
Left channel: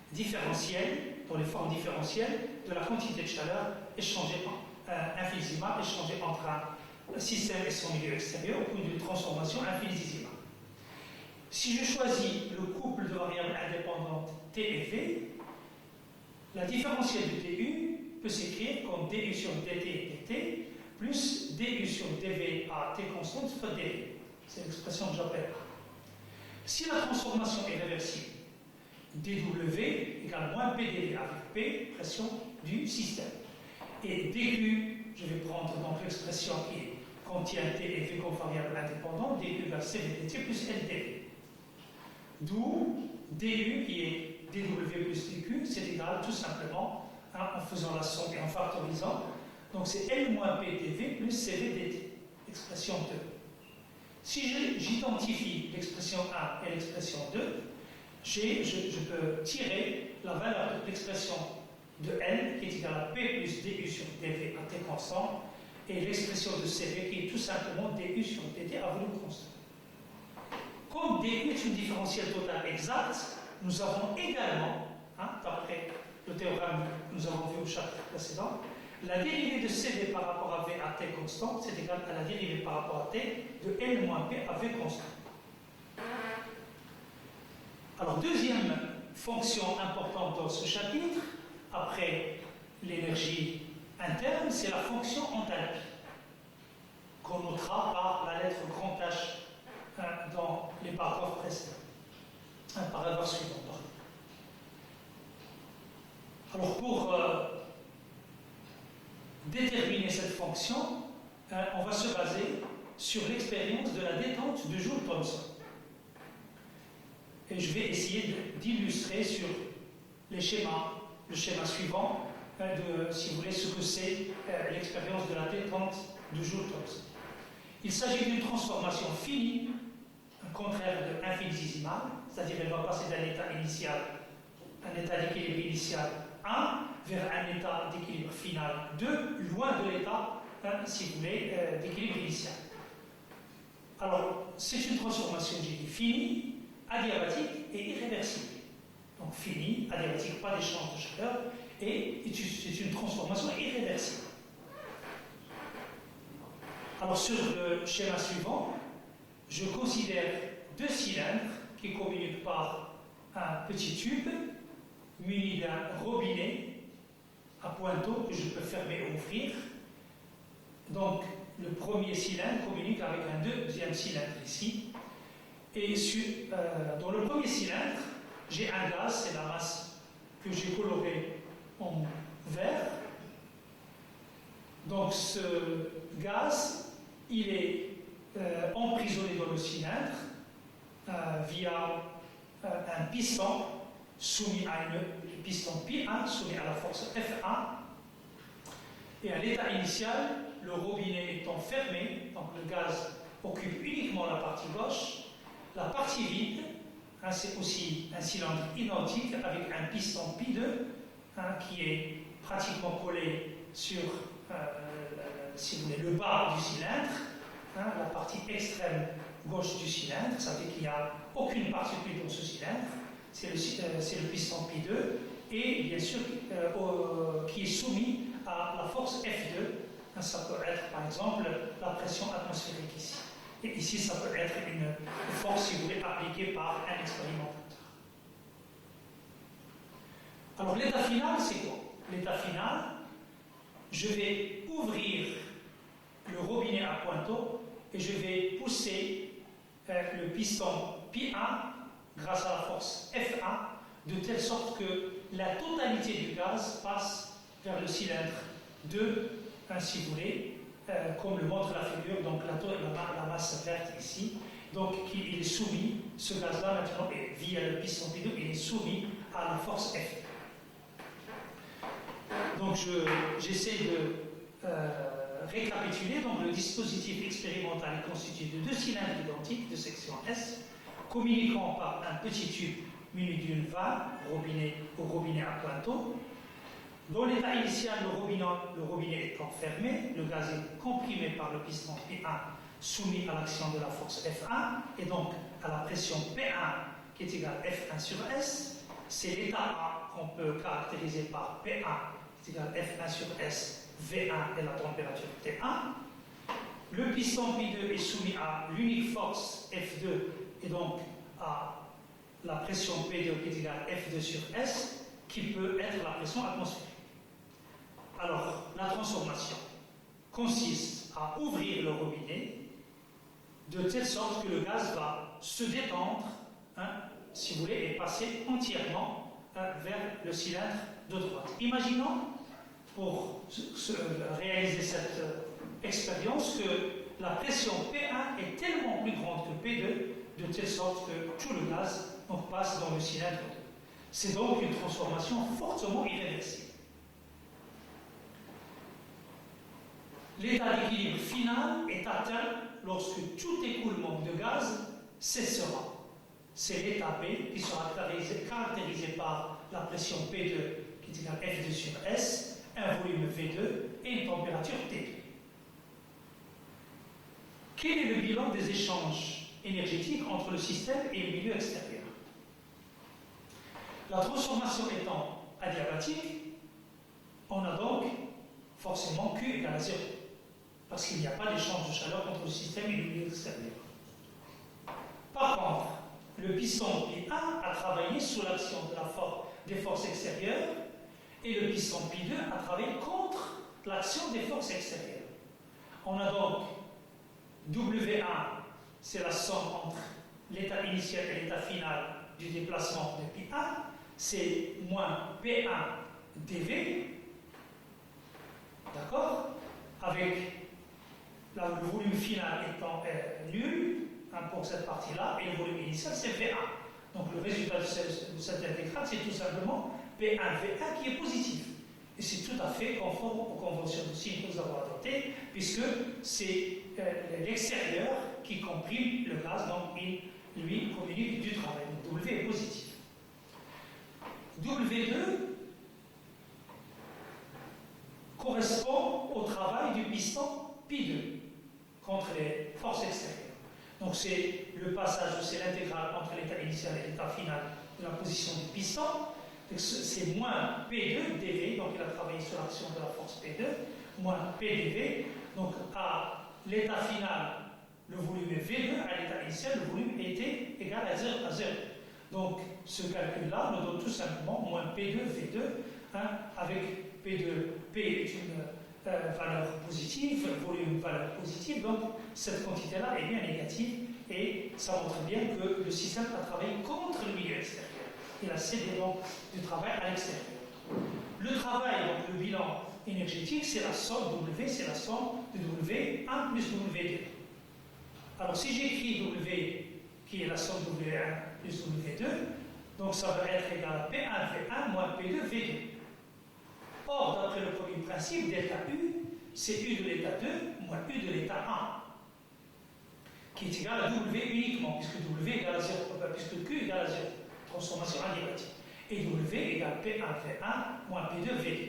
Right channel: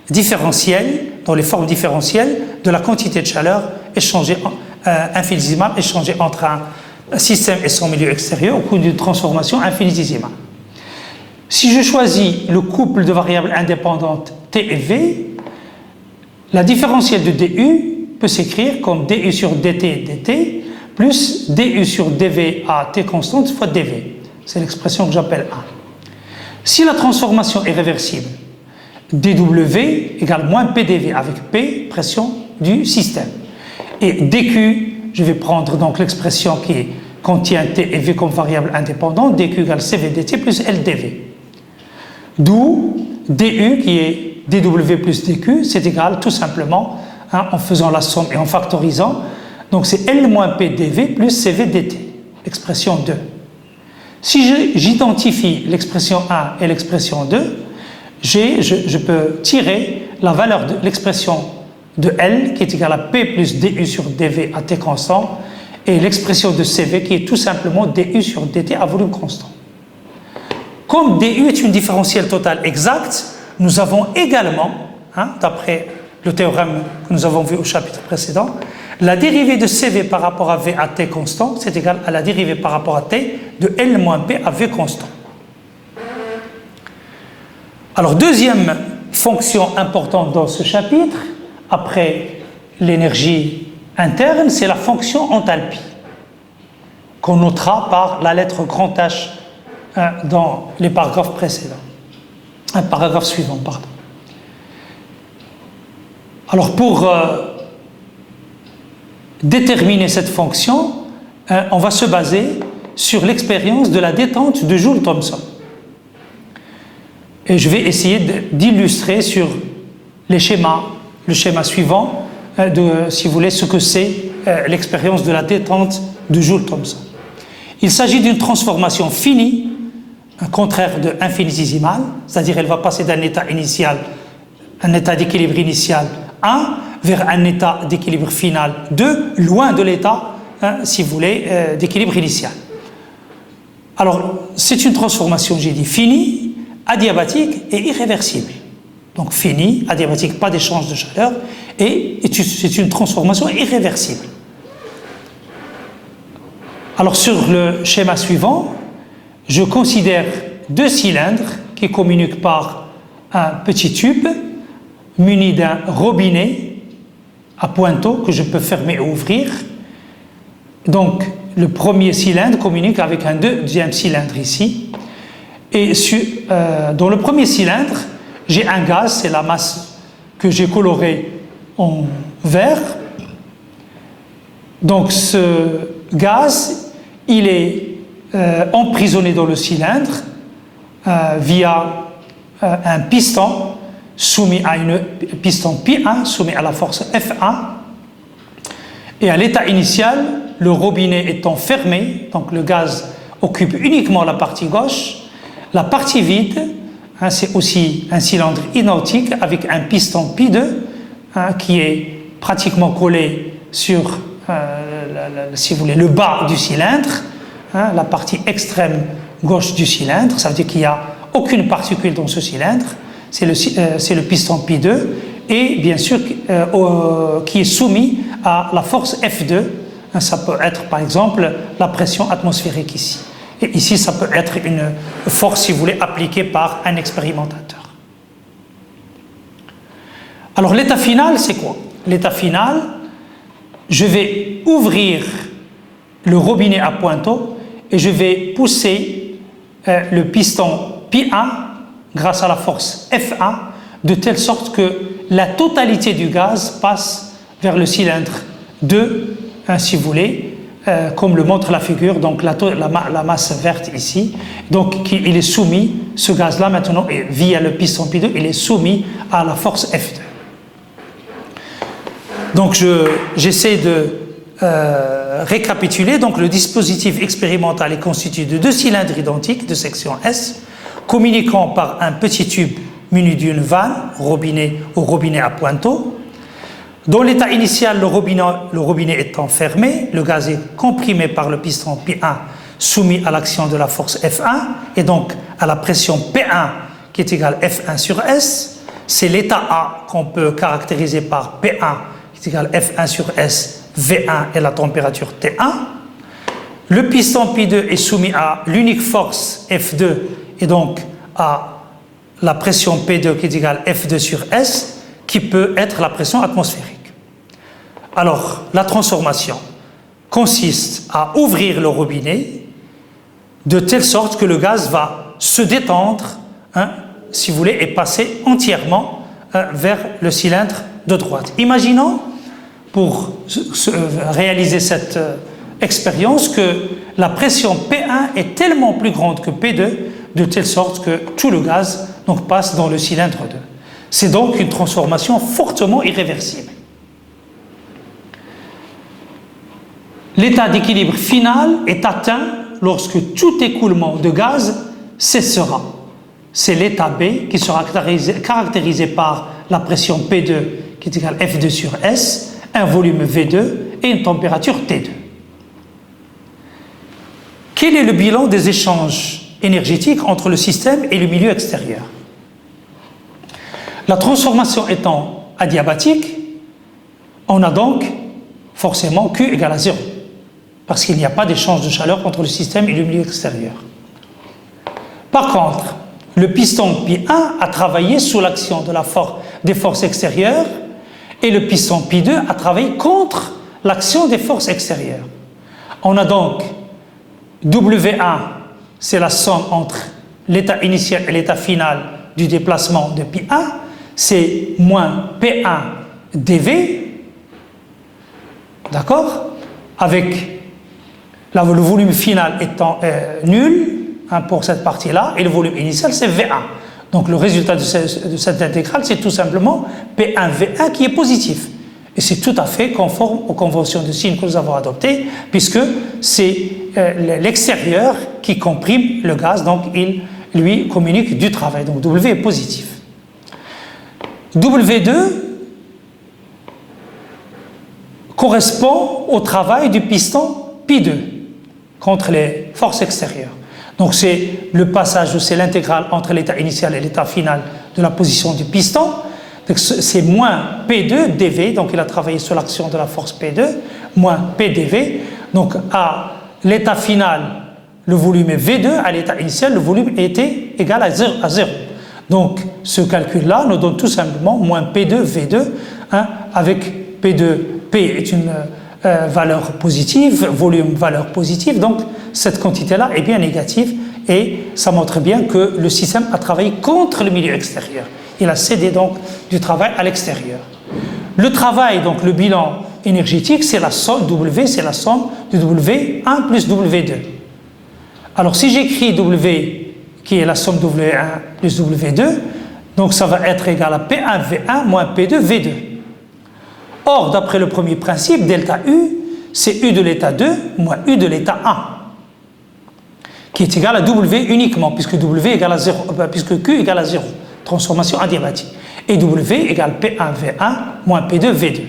différentielles, dans les formes différentielles de la quantité de chaleur échangée infinitésimale échangée entre un système et son milieu extérieur au cours d'une transformation infinitésimale. Si je choisis le couple de variables indépendantes T et V, la différentielle de DU peut s'écrire comme DU sur DT dt plus DU sur DV à T constante fois DV. C'est l'expression que j'appelle A. Si la transformation est réversible, dW égale moins PdV avec P, pression du système. Et dQ, je vais prendre donc l'expression qui contient T et V comme variable indépendante, dQ égale CV dt plus LdV. D'où dU qui est dW plus dQ, c'est égal tout simplement, en faisant la somme et en factorisant, donc c'est L moins P dV plus CV dt, expression 2. Si j'identifie l'expression 1 et l'expression 2, je peux tirer la valeur de l'expression de L qui est égale à P plus DU sur DV à T constant et l'expression de CV qui est tout simplement DU sur DT à volume constant. Comme DU est une différentielle totale exacte, nous avons également, d'après le théorème que nous avons vu au chapitre précédent, la dérivée de CV par rapport à V à T constant, c'est égal à la dérivée par rapport à T de L moins P à V constant. Alors, deuxième fonction importante dans ce chapitre, après l'énergie interne, c'est la fonction enthalpie, qu'on notera par la lettre grand H dans les paragraphes précédents. Un paragraphe suivant, pardon. Alors, pour déterminer cette fonction, on va se baser sur l'expérience de la détente de Joule-Thomson. Et je vais essayer d'illustrer sur le schéma suivant, si vous voulez, ce que c'est l'expérience de la détente de Joule-Thomson. Il s'agit d'une transformation finie, un contraire de infinitésimale, c'est-à-dire elle va passer d'un état initial, un état d'équilibre initial 1, vers un état d'équilibre final 2, loin de l'état, si vous voulez, d'équilibre initial. Alors, c'est une transformation, j'ai dit, finie, adiabatique et irréversible. Donc fini, adiabatique, pas d'échange de chaleur, et c'est une transformation irréversible. Alors sur le schéma suivant, je considère deux cylindres qui communiquent par un petit tube muni d'un robinet à pointeau que je peux fermer et ouvrir. Donc le premier cylindre communique avec un deuxième cylindre ici. Et dans le premier cylindre, j'ai un gaz, c'est la masse que j'ai colorée en vert. Donc ce gaz, il est emprisonné dans le cylindre via un piston soumis à une piston P1 soumis à la force F1. Et à l'état initial, le robinet étant fermé, donc le gaz occupe uniquement la partie gauche, La partie vide, hein, c'est aussi un cylindre identique avec un piston pi2 hein, qui est pratiquement collé sur, si vous voulez, le bas du cylindre, hein, la partie extrême gauche du cylindre. Ça veut dire qu'il n'y a aucune particule dans ce cylindre. C'est le piston pi2 et bien sûr qui est soumis à la force F2. Ça peut être par exemple la pression atmosphérique ici. Et ici, ça peut être une force, si vous voulez, appliquée par un expérimentateur. Alors l'état final, c'est quoi? L'état final, je vais ouvrir le robinet à pointeau et je vais pousser le piston pi1 grâce à la force F1 de telle sorte que la totalité du gaz passe vers le cylindre 2, hein, si vous voulez, comme le montre la figure, donc la masse verte ici. Donc il est soumis, ce gaz-là maintenant, via le piston pi2, il est soumis à la force F2. Donc j'essaie de récapituler. Donc le dispositif expérimental est constitué de 2 cylindres identiques de section S, communiquant par un petit tube muni d'une vanne au robinet à pointeau. Dans l'état initial, le robinet étant fermé, le gaz est comprimé par le piston P1 soumis à l'action de la force F1 et donc à la pression P1 qui est égale F1 sur S. C'est l'état A qu'on peut caractériser par P1 qui est égal F1 sur S, V1 et la température T1. Le piston P2 est soumis à l'unique force F2 et donc à la pression P2 qui est égale F2 sur S qui peut être la pression atmosphérique. Alors, la transformation consiste à ouvrir le robinet de telle sorte que le gaz va se détendre, hein, si vous voulez, et passer entièrement vers le cylindre de droite. Imaginons, pour réaliser cette expérience, que la pression P1 est tellement plus grande que P2, de telle sorte que tout le gaz donc, passe dans le cylindre 2. C'est donc une transformation fortement irréversible. L'état d'équilibre final est atteint lorsque tout écoulement de gaz cessera. C'est l'état B qui sera caractérisé par la pression P2 qui est égale F2 sur S, un volume V2 et une température T2. Quel est le bilan des échanges énergétiques entre le système et le milieu extérieur? La transformation étant adiabatique, on a donc forcément Q égale à 0, parce qu'il n'y a pas d'échange de chaleur entre le système et le milieu extérieur. Par contre, le piston Pi1 a travaillé sous l'action des forces extérieures et le piston Pi2 a travaillé contre l'action des forces extérieures. On a donc W1, c'est la somme entre l'état initial et l'état final du déplacement de Pi1, c'est moins P1 dV, d'accord, avec le volume final étant nul hein, pour cette partie-là, et le volume initial c'est V1. Donc le résultat de cette intégrale, c'est tout simplement P1 V1 qui est positif. Et c'est tout à fait conforme aux conventions de signes que nous avons adoptées, puisque c'est l'extérieur qui comprime le gaz, donc il lui communique du travail. Donc W est positif. W2 correspond au travail du piston Pi2 contre les forces extérieures. Donc c'est le passage, c'est l'intégrale entre l'état initial et l'état final de la position du piston. C'est moins P2 dV, donc il a travaillé sur l'action de la force P2, moins PdV. Donc à l'état final, le volume est V2, à l'état initial, le volume était égal à 0. Donc ce calcul-là nous donne tout simplement moins P2 V2, hein, avec P2, P est une valeur positive, volume valeur positive, donc cette quantité-là est bien négative et ça montre bien que le système a travaillé contre le milieu extérieur. Il a cédé donc du travail à l'extérieur. Le travail, donc le bilan énergétique, c'est la somme W, c'est la somme de W1 plus W2. Alors si j'écris W qui est la somme W1 plus W2, donc ça va être égal à P1 V1 moins P2 V2. Or, d'après le premier principe, delta U, c'est U de l'état 2 moins U de l'état 1. qui est égal à W uniquement, puisque W égale à 0, puisque Q égale à 0, transformation adiabatique. Et W égale P1V1 moins P2V2.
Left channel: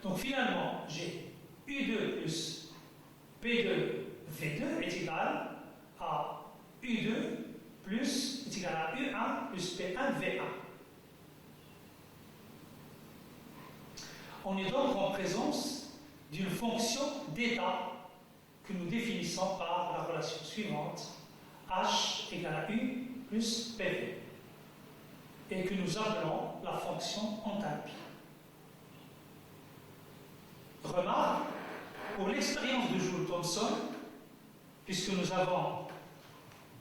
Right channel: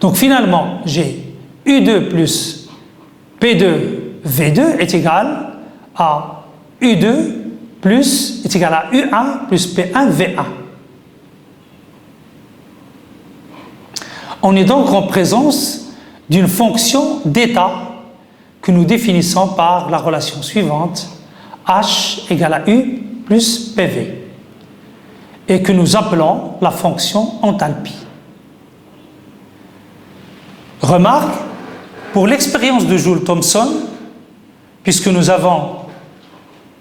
Donc finalement, j'ai U2 plus P2V2 est égal à U2 plus, est égal à U1 plus P1V1. On est donc en présence d'une fonction d'état que nous définissons par la relation suivante, H égale à U plus PV, et que nous appelons la fonction enthalpie. Remarque, pour l'expérience de Joule-Thomson, puisque nous avons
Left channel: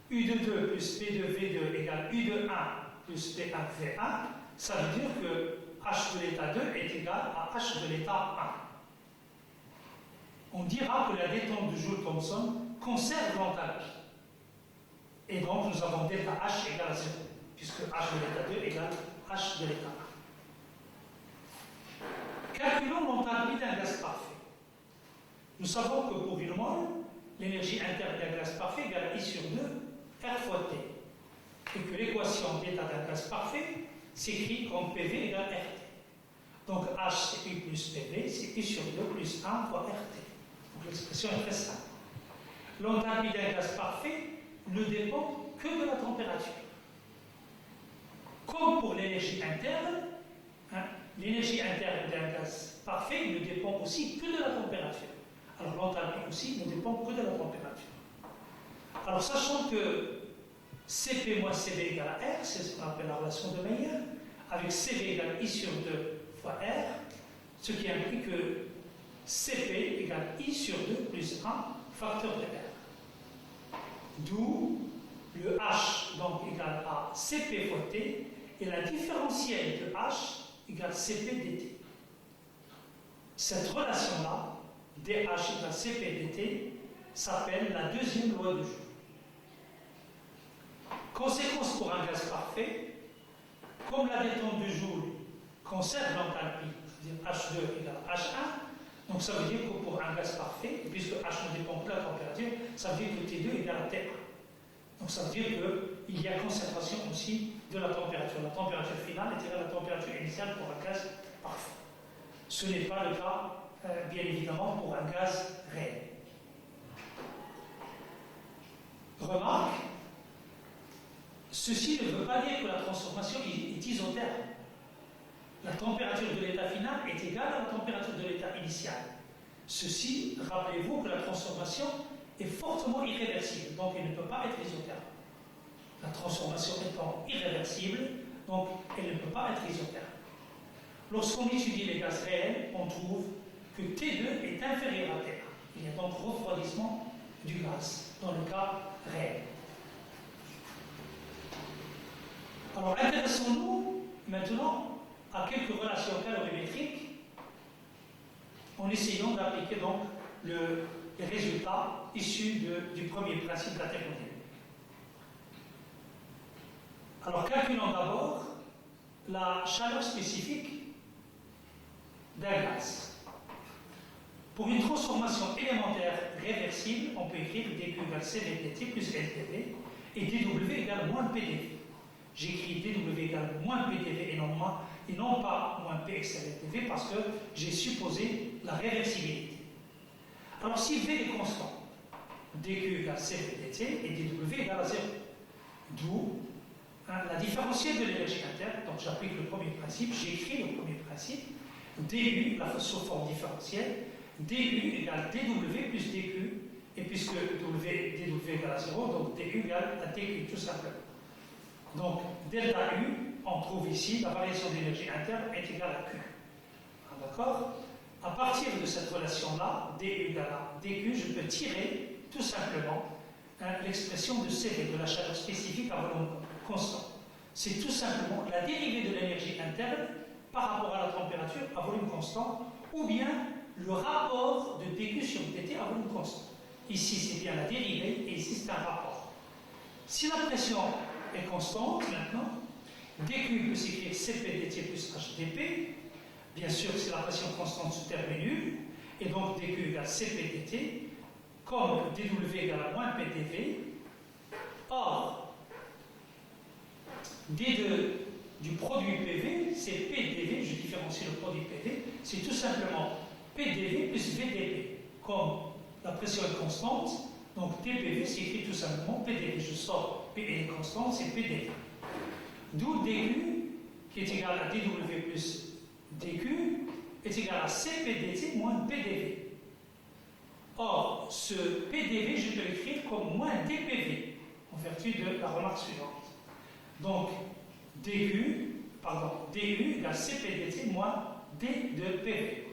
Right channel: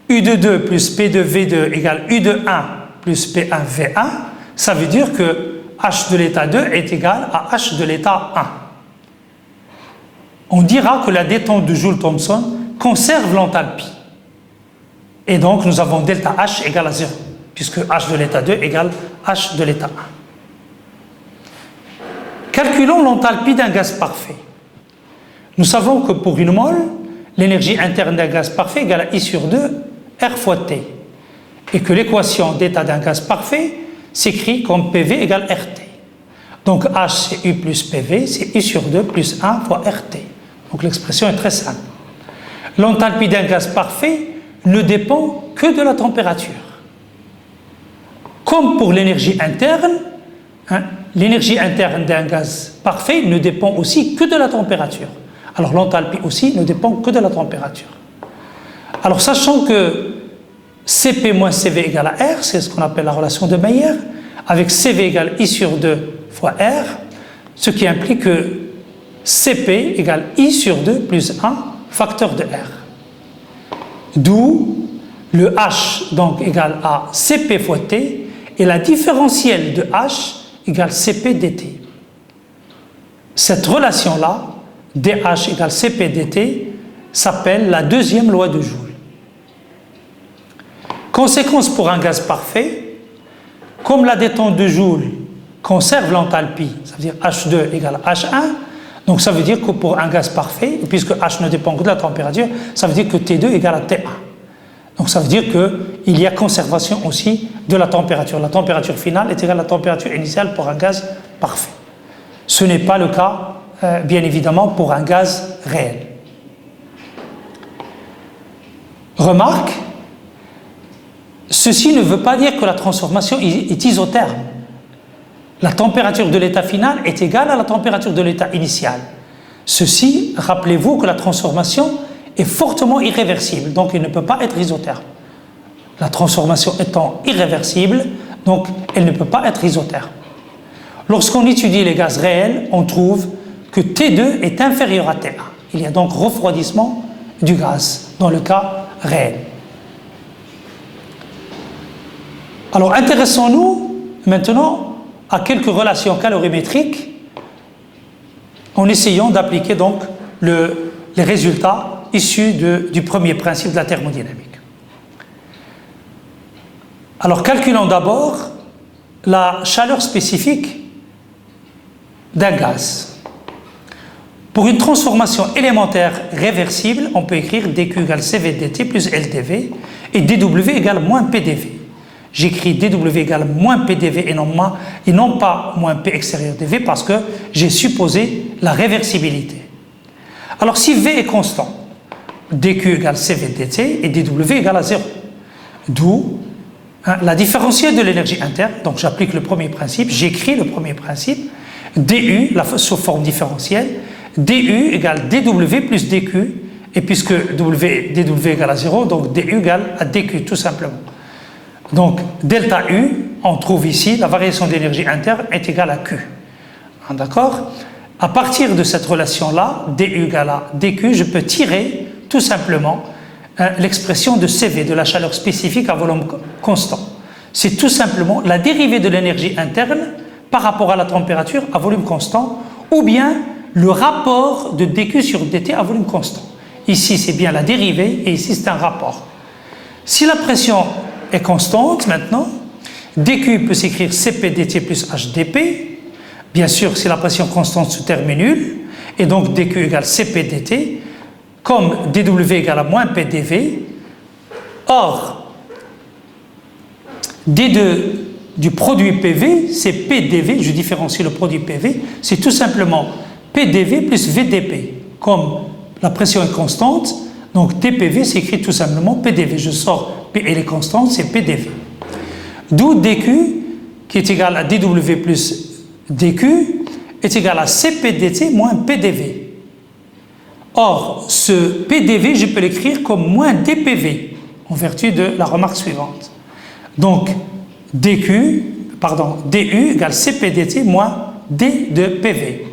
U de 2 plus P de V2 égale U de 1 plus P1 V1, ça veut dire que H de l'état 2 est égal à H de l'état 1. On dira que la détente de Joule-Thomson conserve l'enthalpie. Et donc nous avons delta H égale à 0, puisque H de l'état 2 égale H de l'état 1. Calculons l'enthalpie d'un gaz parfait. Nous savons que pour une mole, l'énergie interne d'un gaz parfait égale à I sur 2 R fois T. Et que l'équation d'état d'un gaz parfait s'écrit comme PV égale RT. Donc H c'est U plus PV, c'est I sur 2 plus 1 fois RT. Donc l'expression est très simple. L'enthalpie d'un gaz parfait ne dépend que de la température. Comme pour l'énergie interne, l'énergie interne d'un gaz parfait ne dépend aussi que de la température. Alors l'enthalpie aussi ne dépend que de la température. Alors sachant que Cp moins Cv égale à R, c'est ce qu'on appelle la relation de Mayer, avec Cv égale I sur 2 fois R, ce qui implique que Cp égale I sur 2 plus 1 facteur de R. D'où le H donc égale à Cp fois T et la différentielle de H égale Cp dt. Cette relation-là, dH égale Cp dt, s'appelle la deuxième loi de Joule. Conséquence pour un gaz parfait, comme la détente de Joule conserve l'enthalpie, ça veut dire H2 égale H1, donc ça veut dire que pour un gaz parfait, puisque H ne dépend que de la température, ça veut dire que T2 égale à T1. Donc ça veut dire qu'il y a conservation aussi de la température. La température finale est égale à la température initiale pour un gaz parfait. Ce n'est pas le cas, bien évidemment, pour un gaz réel. Remarque, ceci ne veut pas dire que la transformation est isotherme. La température de l'état final est égale à la température de l'état initial. Ceci, rappelez-vous que la transformation est fortement irréversible, donc elle ne peut pas être isotherme. La transformation étant irréversible, donc elle ne peut pas être isotherme. Lorsqu'on étudie les gaz réels, on trouve que T2 est inférieur à T1. Il y a donc refroidissement du gaz dans le cas réel. Alors intéressons-nous maintenant à quelques relations calorimétriques en essayant d'appliquer donc les résultats issus du premier principe de la thermodynamique. Alors calculons d'abord la chaleur spécifique d'un gaz. Pour une transformation élémentaire réversible, on peut écrire dQ égale Cv dt plus LdV et dW égale moins PdV. J'écris dW égale moins PdV et non pas moins P extérieur dV parce que j'ai supposé la réversibilité. Alors si V est constant, dQ égale Cv dt et dW égale à 0. D'où la différentielle de l'énergie interne, donc j'applique le premier principe, j'écris le premier principe, du, sous forme différentielle, du égale dW plus dQ, et puisque dW égale à 0, donc du égale à dQ tout simplement. Donc delta U, on trouve ici la variation d'énergie interne est égale à Q. D'accord? À partir de cette relation-là, du égale à dQ, je peux tirer tout simplement l'expression de Cv, de la chaleur spécifique à volume constant. C'est tout simplement la dérivée de l'énergie interne par rapport à la température à volume constant, ou bien le rapport de dQ sur dt à volume constant. Ici, c'est bien la dérivée, et ici, c'est un rapport. Si la pression est constante maintenant, dQ peut s'écrire Cp dt plus HdP. Bien sûr, si la pression constante ce terme est nul, et donc dQ égale Cp dt, comme dW égale à moins PdV, Or, D2 du produit PV, c'est PDV, je différencie le produit PV, c'est tout simplement PDV plus VDP. Comme la pression est constante, donc TPV s'écrit tout simplement PDV. Je sors P, elle est constante, c'est PDV. D'où DQ, qui est égal à DW plus DQ, est égal à CPDT moins PDV. Or, ce PDV, je peux l'écrire comme moins DPV, en vertu de la remarque suivante. Donc, DU égale CPDT moins D de PV.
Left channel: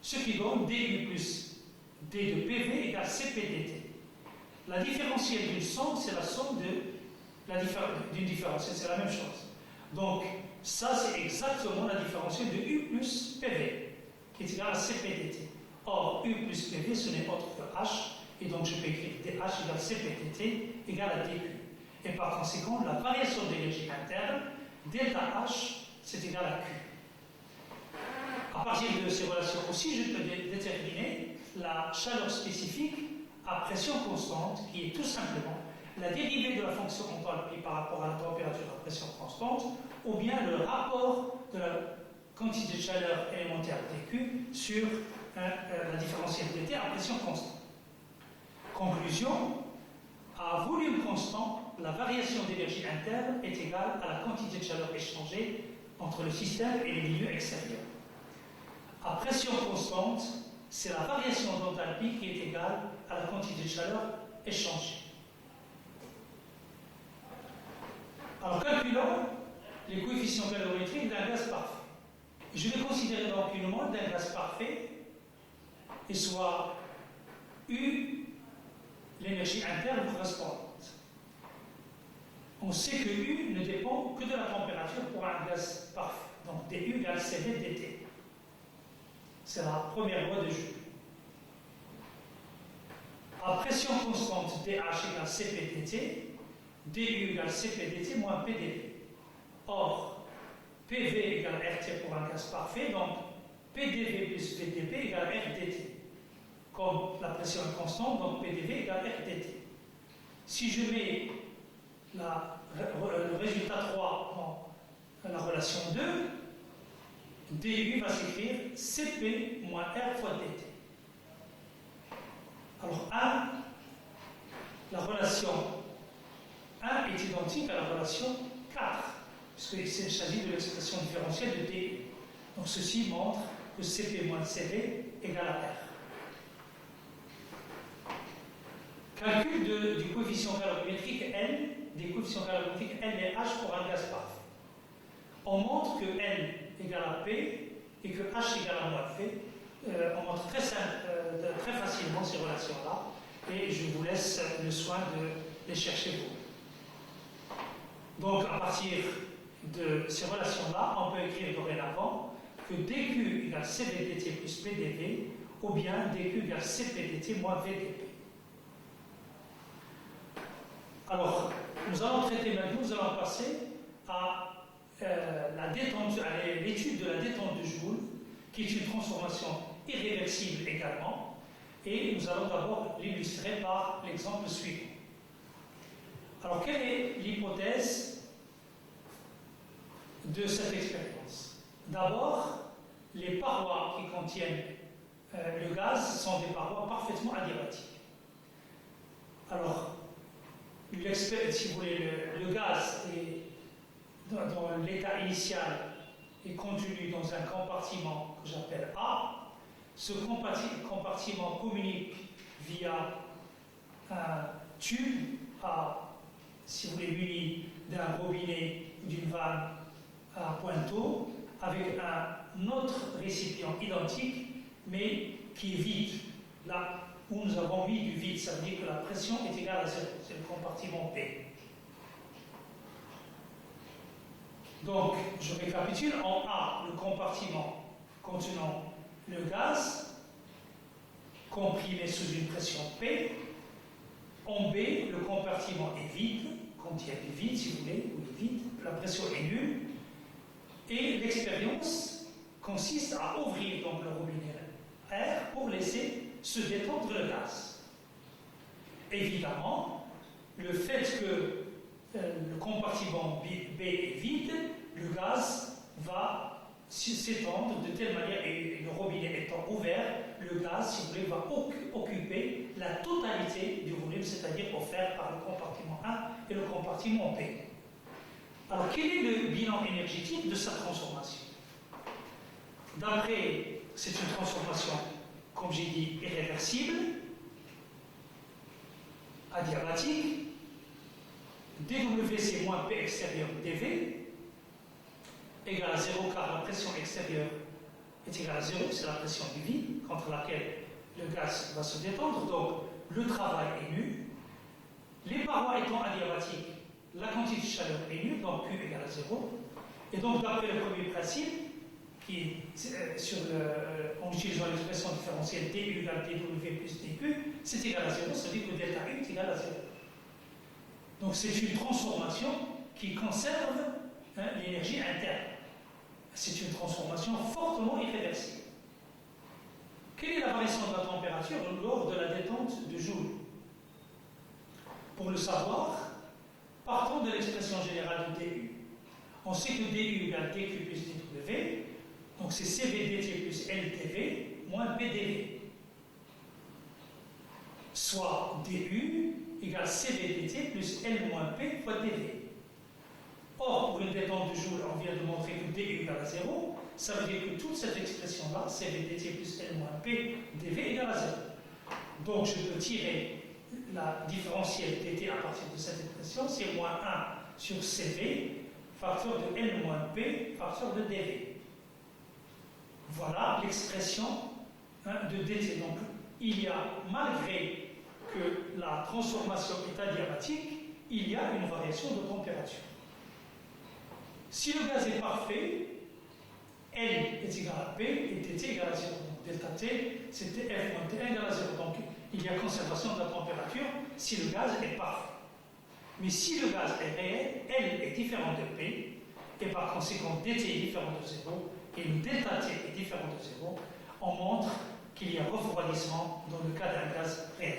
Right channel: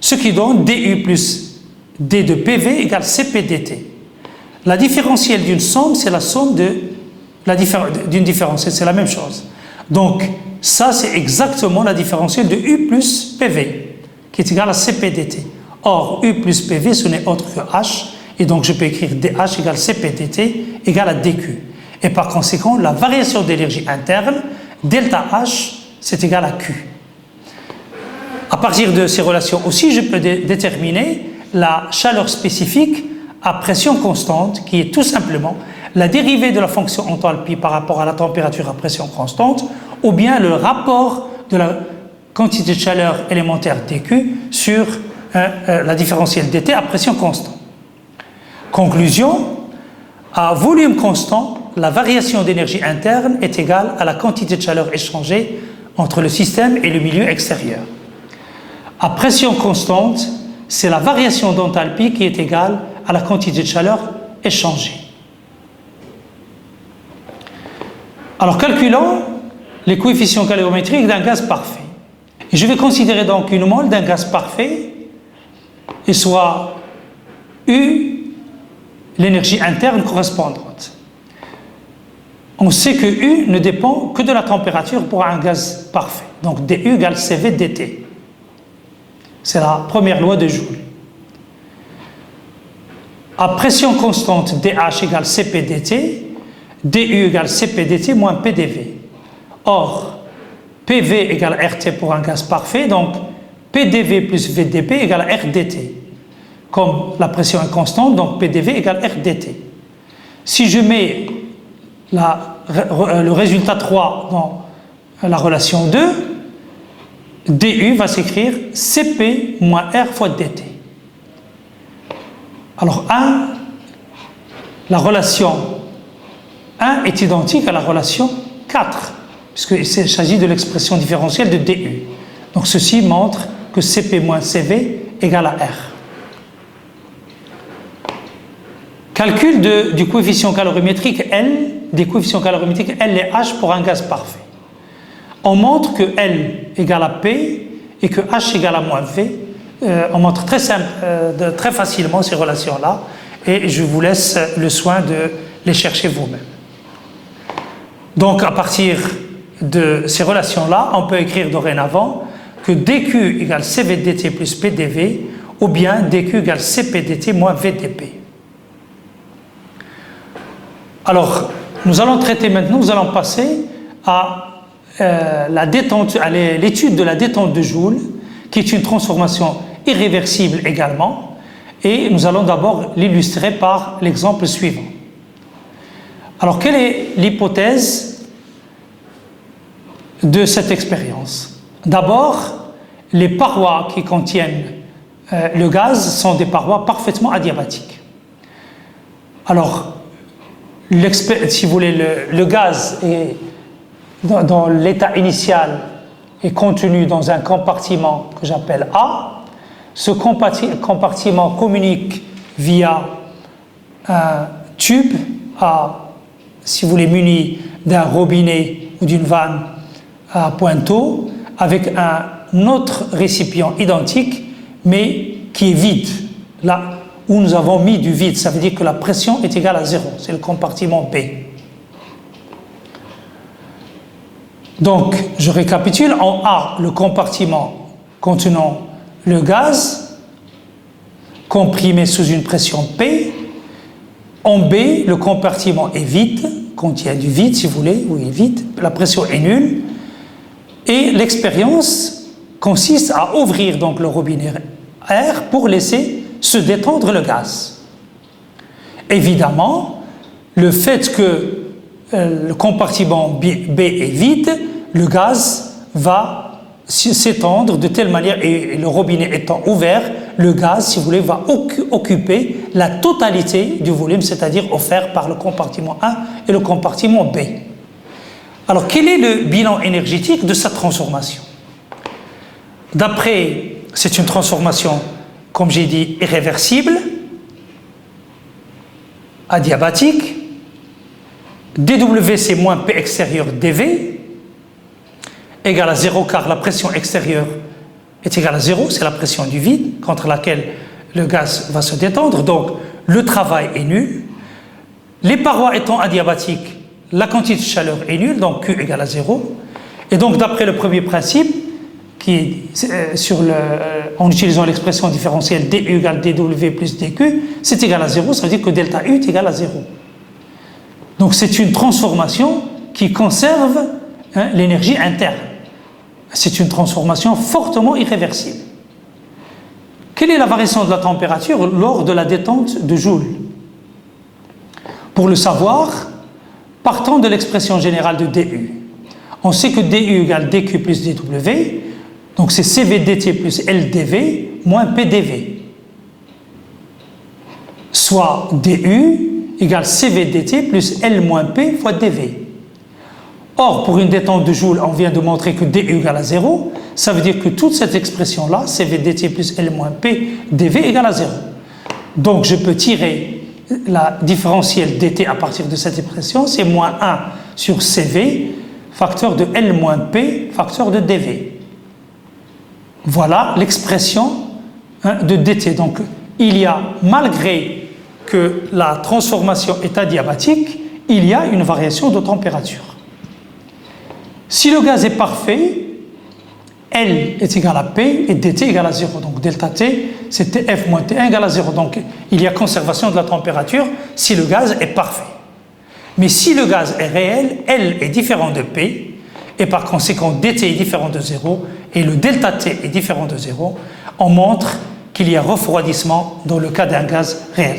Ce qui donne DU plus D de PV égale CPDT. La différentielle d'une somme, c'est la somme d'une différentielle, c'est la même chose. Donc, ça, c'est exactement la différentielle de U plus PV, qui est égale à CPDT. Or, U plus PV, ce n'est autre que H, et donc je peux écrire DH égale CPDT égale à DQ. Et par conséquent, la variation d'énergie interne, delta H, c'est égal à Q. À partir de ces relations aussi, je peux déterminer la chaleur spécifique à pression constante, qui est tout simplement la dérivée de la fonction enthalpie par rapport à la température à pression constante, ou bien le rapport de la quantité de chaleur élémentaire dQ sur la différentielle dt à pression constante. Conclusion, à volume constant, la variation d'énergie interne est égale à la quantité de chaleur échangée entre le système et le milieu extérieur. À pression constante, c'est la variation d'enthalpie qui est égale à la quantité de chaleur échangée. Alors calculons les coefficients calorimétriques d'un gaz parfait. Et je vais considérer donc une mole d'un gaz parfait et soit U, l'énergie interne correspondante. On sait que U ne dépend que de la température pour un gaz parfait. Donc dU égale CV dt. C'est la première loi de Joule. À pression constante, dH égale Cp dt, du égale Cp dt moins PDV. Or, PV égale RT pour un gaz parfait, donc PDV plus VDP égale RDT. Comme la pression est constante, donc PDV égale RDT. Si je mets le résultat 3 dans la relation 2, du va s'écrire Cp moins R fois dt. Alors la relation 1 est identique à la relation 4, puisqu'il s'agit de l'expression différentielle de du. Donc ceci montre que Cp moins Cv égale à R. Calcul du coefficient calorimétrique L, des coefficients calorimétriques L et H pour un gaz parfait. On montre que L égale à P et que H égale à moins V. On montre très facilement ces relations-là et je vous laisse le soin de les chercher vous-même. Donc à partir de ces relations-là, on peut écrire dorénavant que dQ égale CV dt plus PDV ou bien dQ égale Cp dt moins VDP. Alors, nous allons passer à l'étude de la détente de Joule, qui est une transformation irréversible également, et nous allons d'abord l'illustrer par l'exemple suivant. Alors, quelle est l'hypothèse de cette expérience? D'abord, les parois qui contiennent le gaz sont des parois parfaitement adiabatiques. Alors, si vous voulez, le gaz est dans l'état initial est contenu dans un compartiment que j'appelle A. Ce compartiment communique via un tube si vous voulez, muni d'un robinet ou d'une vanne à pointeau avec un autre récipient identique mais qui est vide. Là où nous avons mis du vide, ça veut dire que la pression est égale à 0, c'est le compartiment B. Donc, je récapitule, en A, le compartiment contenant le gaz comprimé sous une pression P. En B, le compartiment est vide, contient du vide si vous voulez, ou est vide, la pression est nulle. Et l'expérience consiste à ouvrir donc le robinet R pour laisser se détendre le gaz. Évidemment, le fait que le compartiment B est vide, le gaz va s'étendre de telle manière, et le robinet étant ouvert, le gaz, si vous voulez, va occuper la totalité du volume, c'est-à-dire offert par le compartiment A et le compartiment B. Alors, quel est le bilan énergétique de cette transformation? D'après, c'est une transformation, comme j'ai dit, irréversible, adiabatique. dW, c'est moins P extérieur dV, égale à 0, car la pression extérieure est égale à 0, c'est la pression du vide contre laquelle le gaz va se détendre, donc le travail est nul. Les parois étant adiabatiques, la quantité de chaleur est nulle, donc Q égale à 0. Et donc, d'après le premier principe, qui est en utilisant l'expression différentielle dU égale dW plus dQ, c'est égal à 0, ça veut dire que delta U est égal à 0. Donc, c'est une transformation qui conserve l'énergie interne. C'est une transformation fortement irréversible. Quelle est la variation de la température lors de la détente de Joule? Pour le savoir, partons de l'expression générale de dU. On sait que dU égale dQ plus dW, donc c'est CV dt plus LdV moins PdV. Soit dU égale CV dt plus L moins P fois dV. Or, pour une détente de Joule, on vient de montrer que dU égale à 0, ça veut dire que toute cette expression-là, CV dt plus L moins P dV égale à 0. Donc, je peux tirer la différentielle dt à partir de cette expression, c'est moins 1 sur CV, facteur de L moins P, facteur de dV. Voilà l'expression de dt. Donc, il y a, malgré que la transformation est adiabatique, il y a une variation de température. Si le gaz est parfait, L est égal à P et dt égale à 0. Donc delta T, c'est Tf moins T1 égale à 0. Donc il y a conservation de la température si le gaz est parfait. Mais si le gaz est réel, L est différent de P, et par conséquent dt est différent de 0, et le delta T est différent de 0, on montre qu'il y a refroidissement dans le cas d'un gaz réel.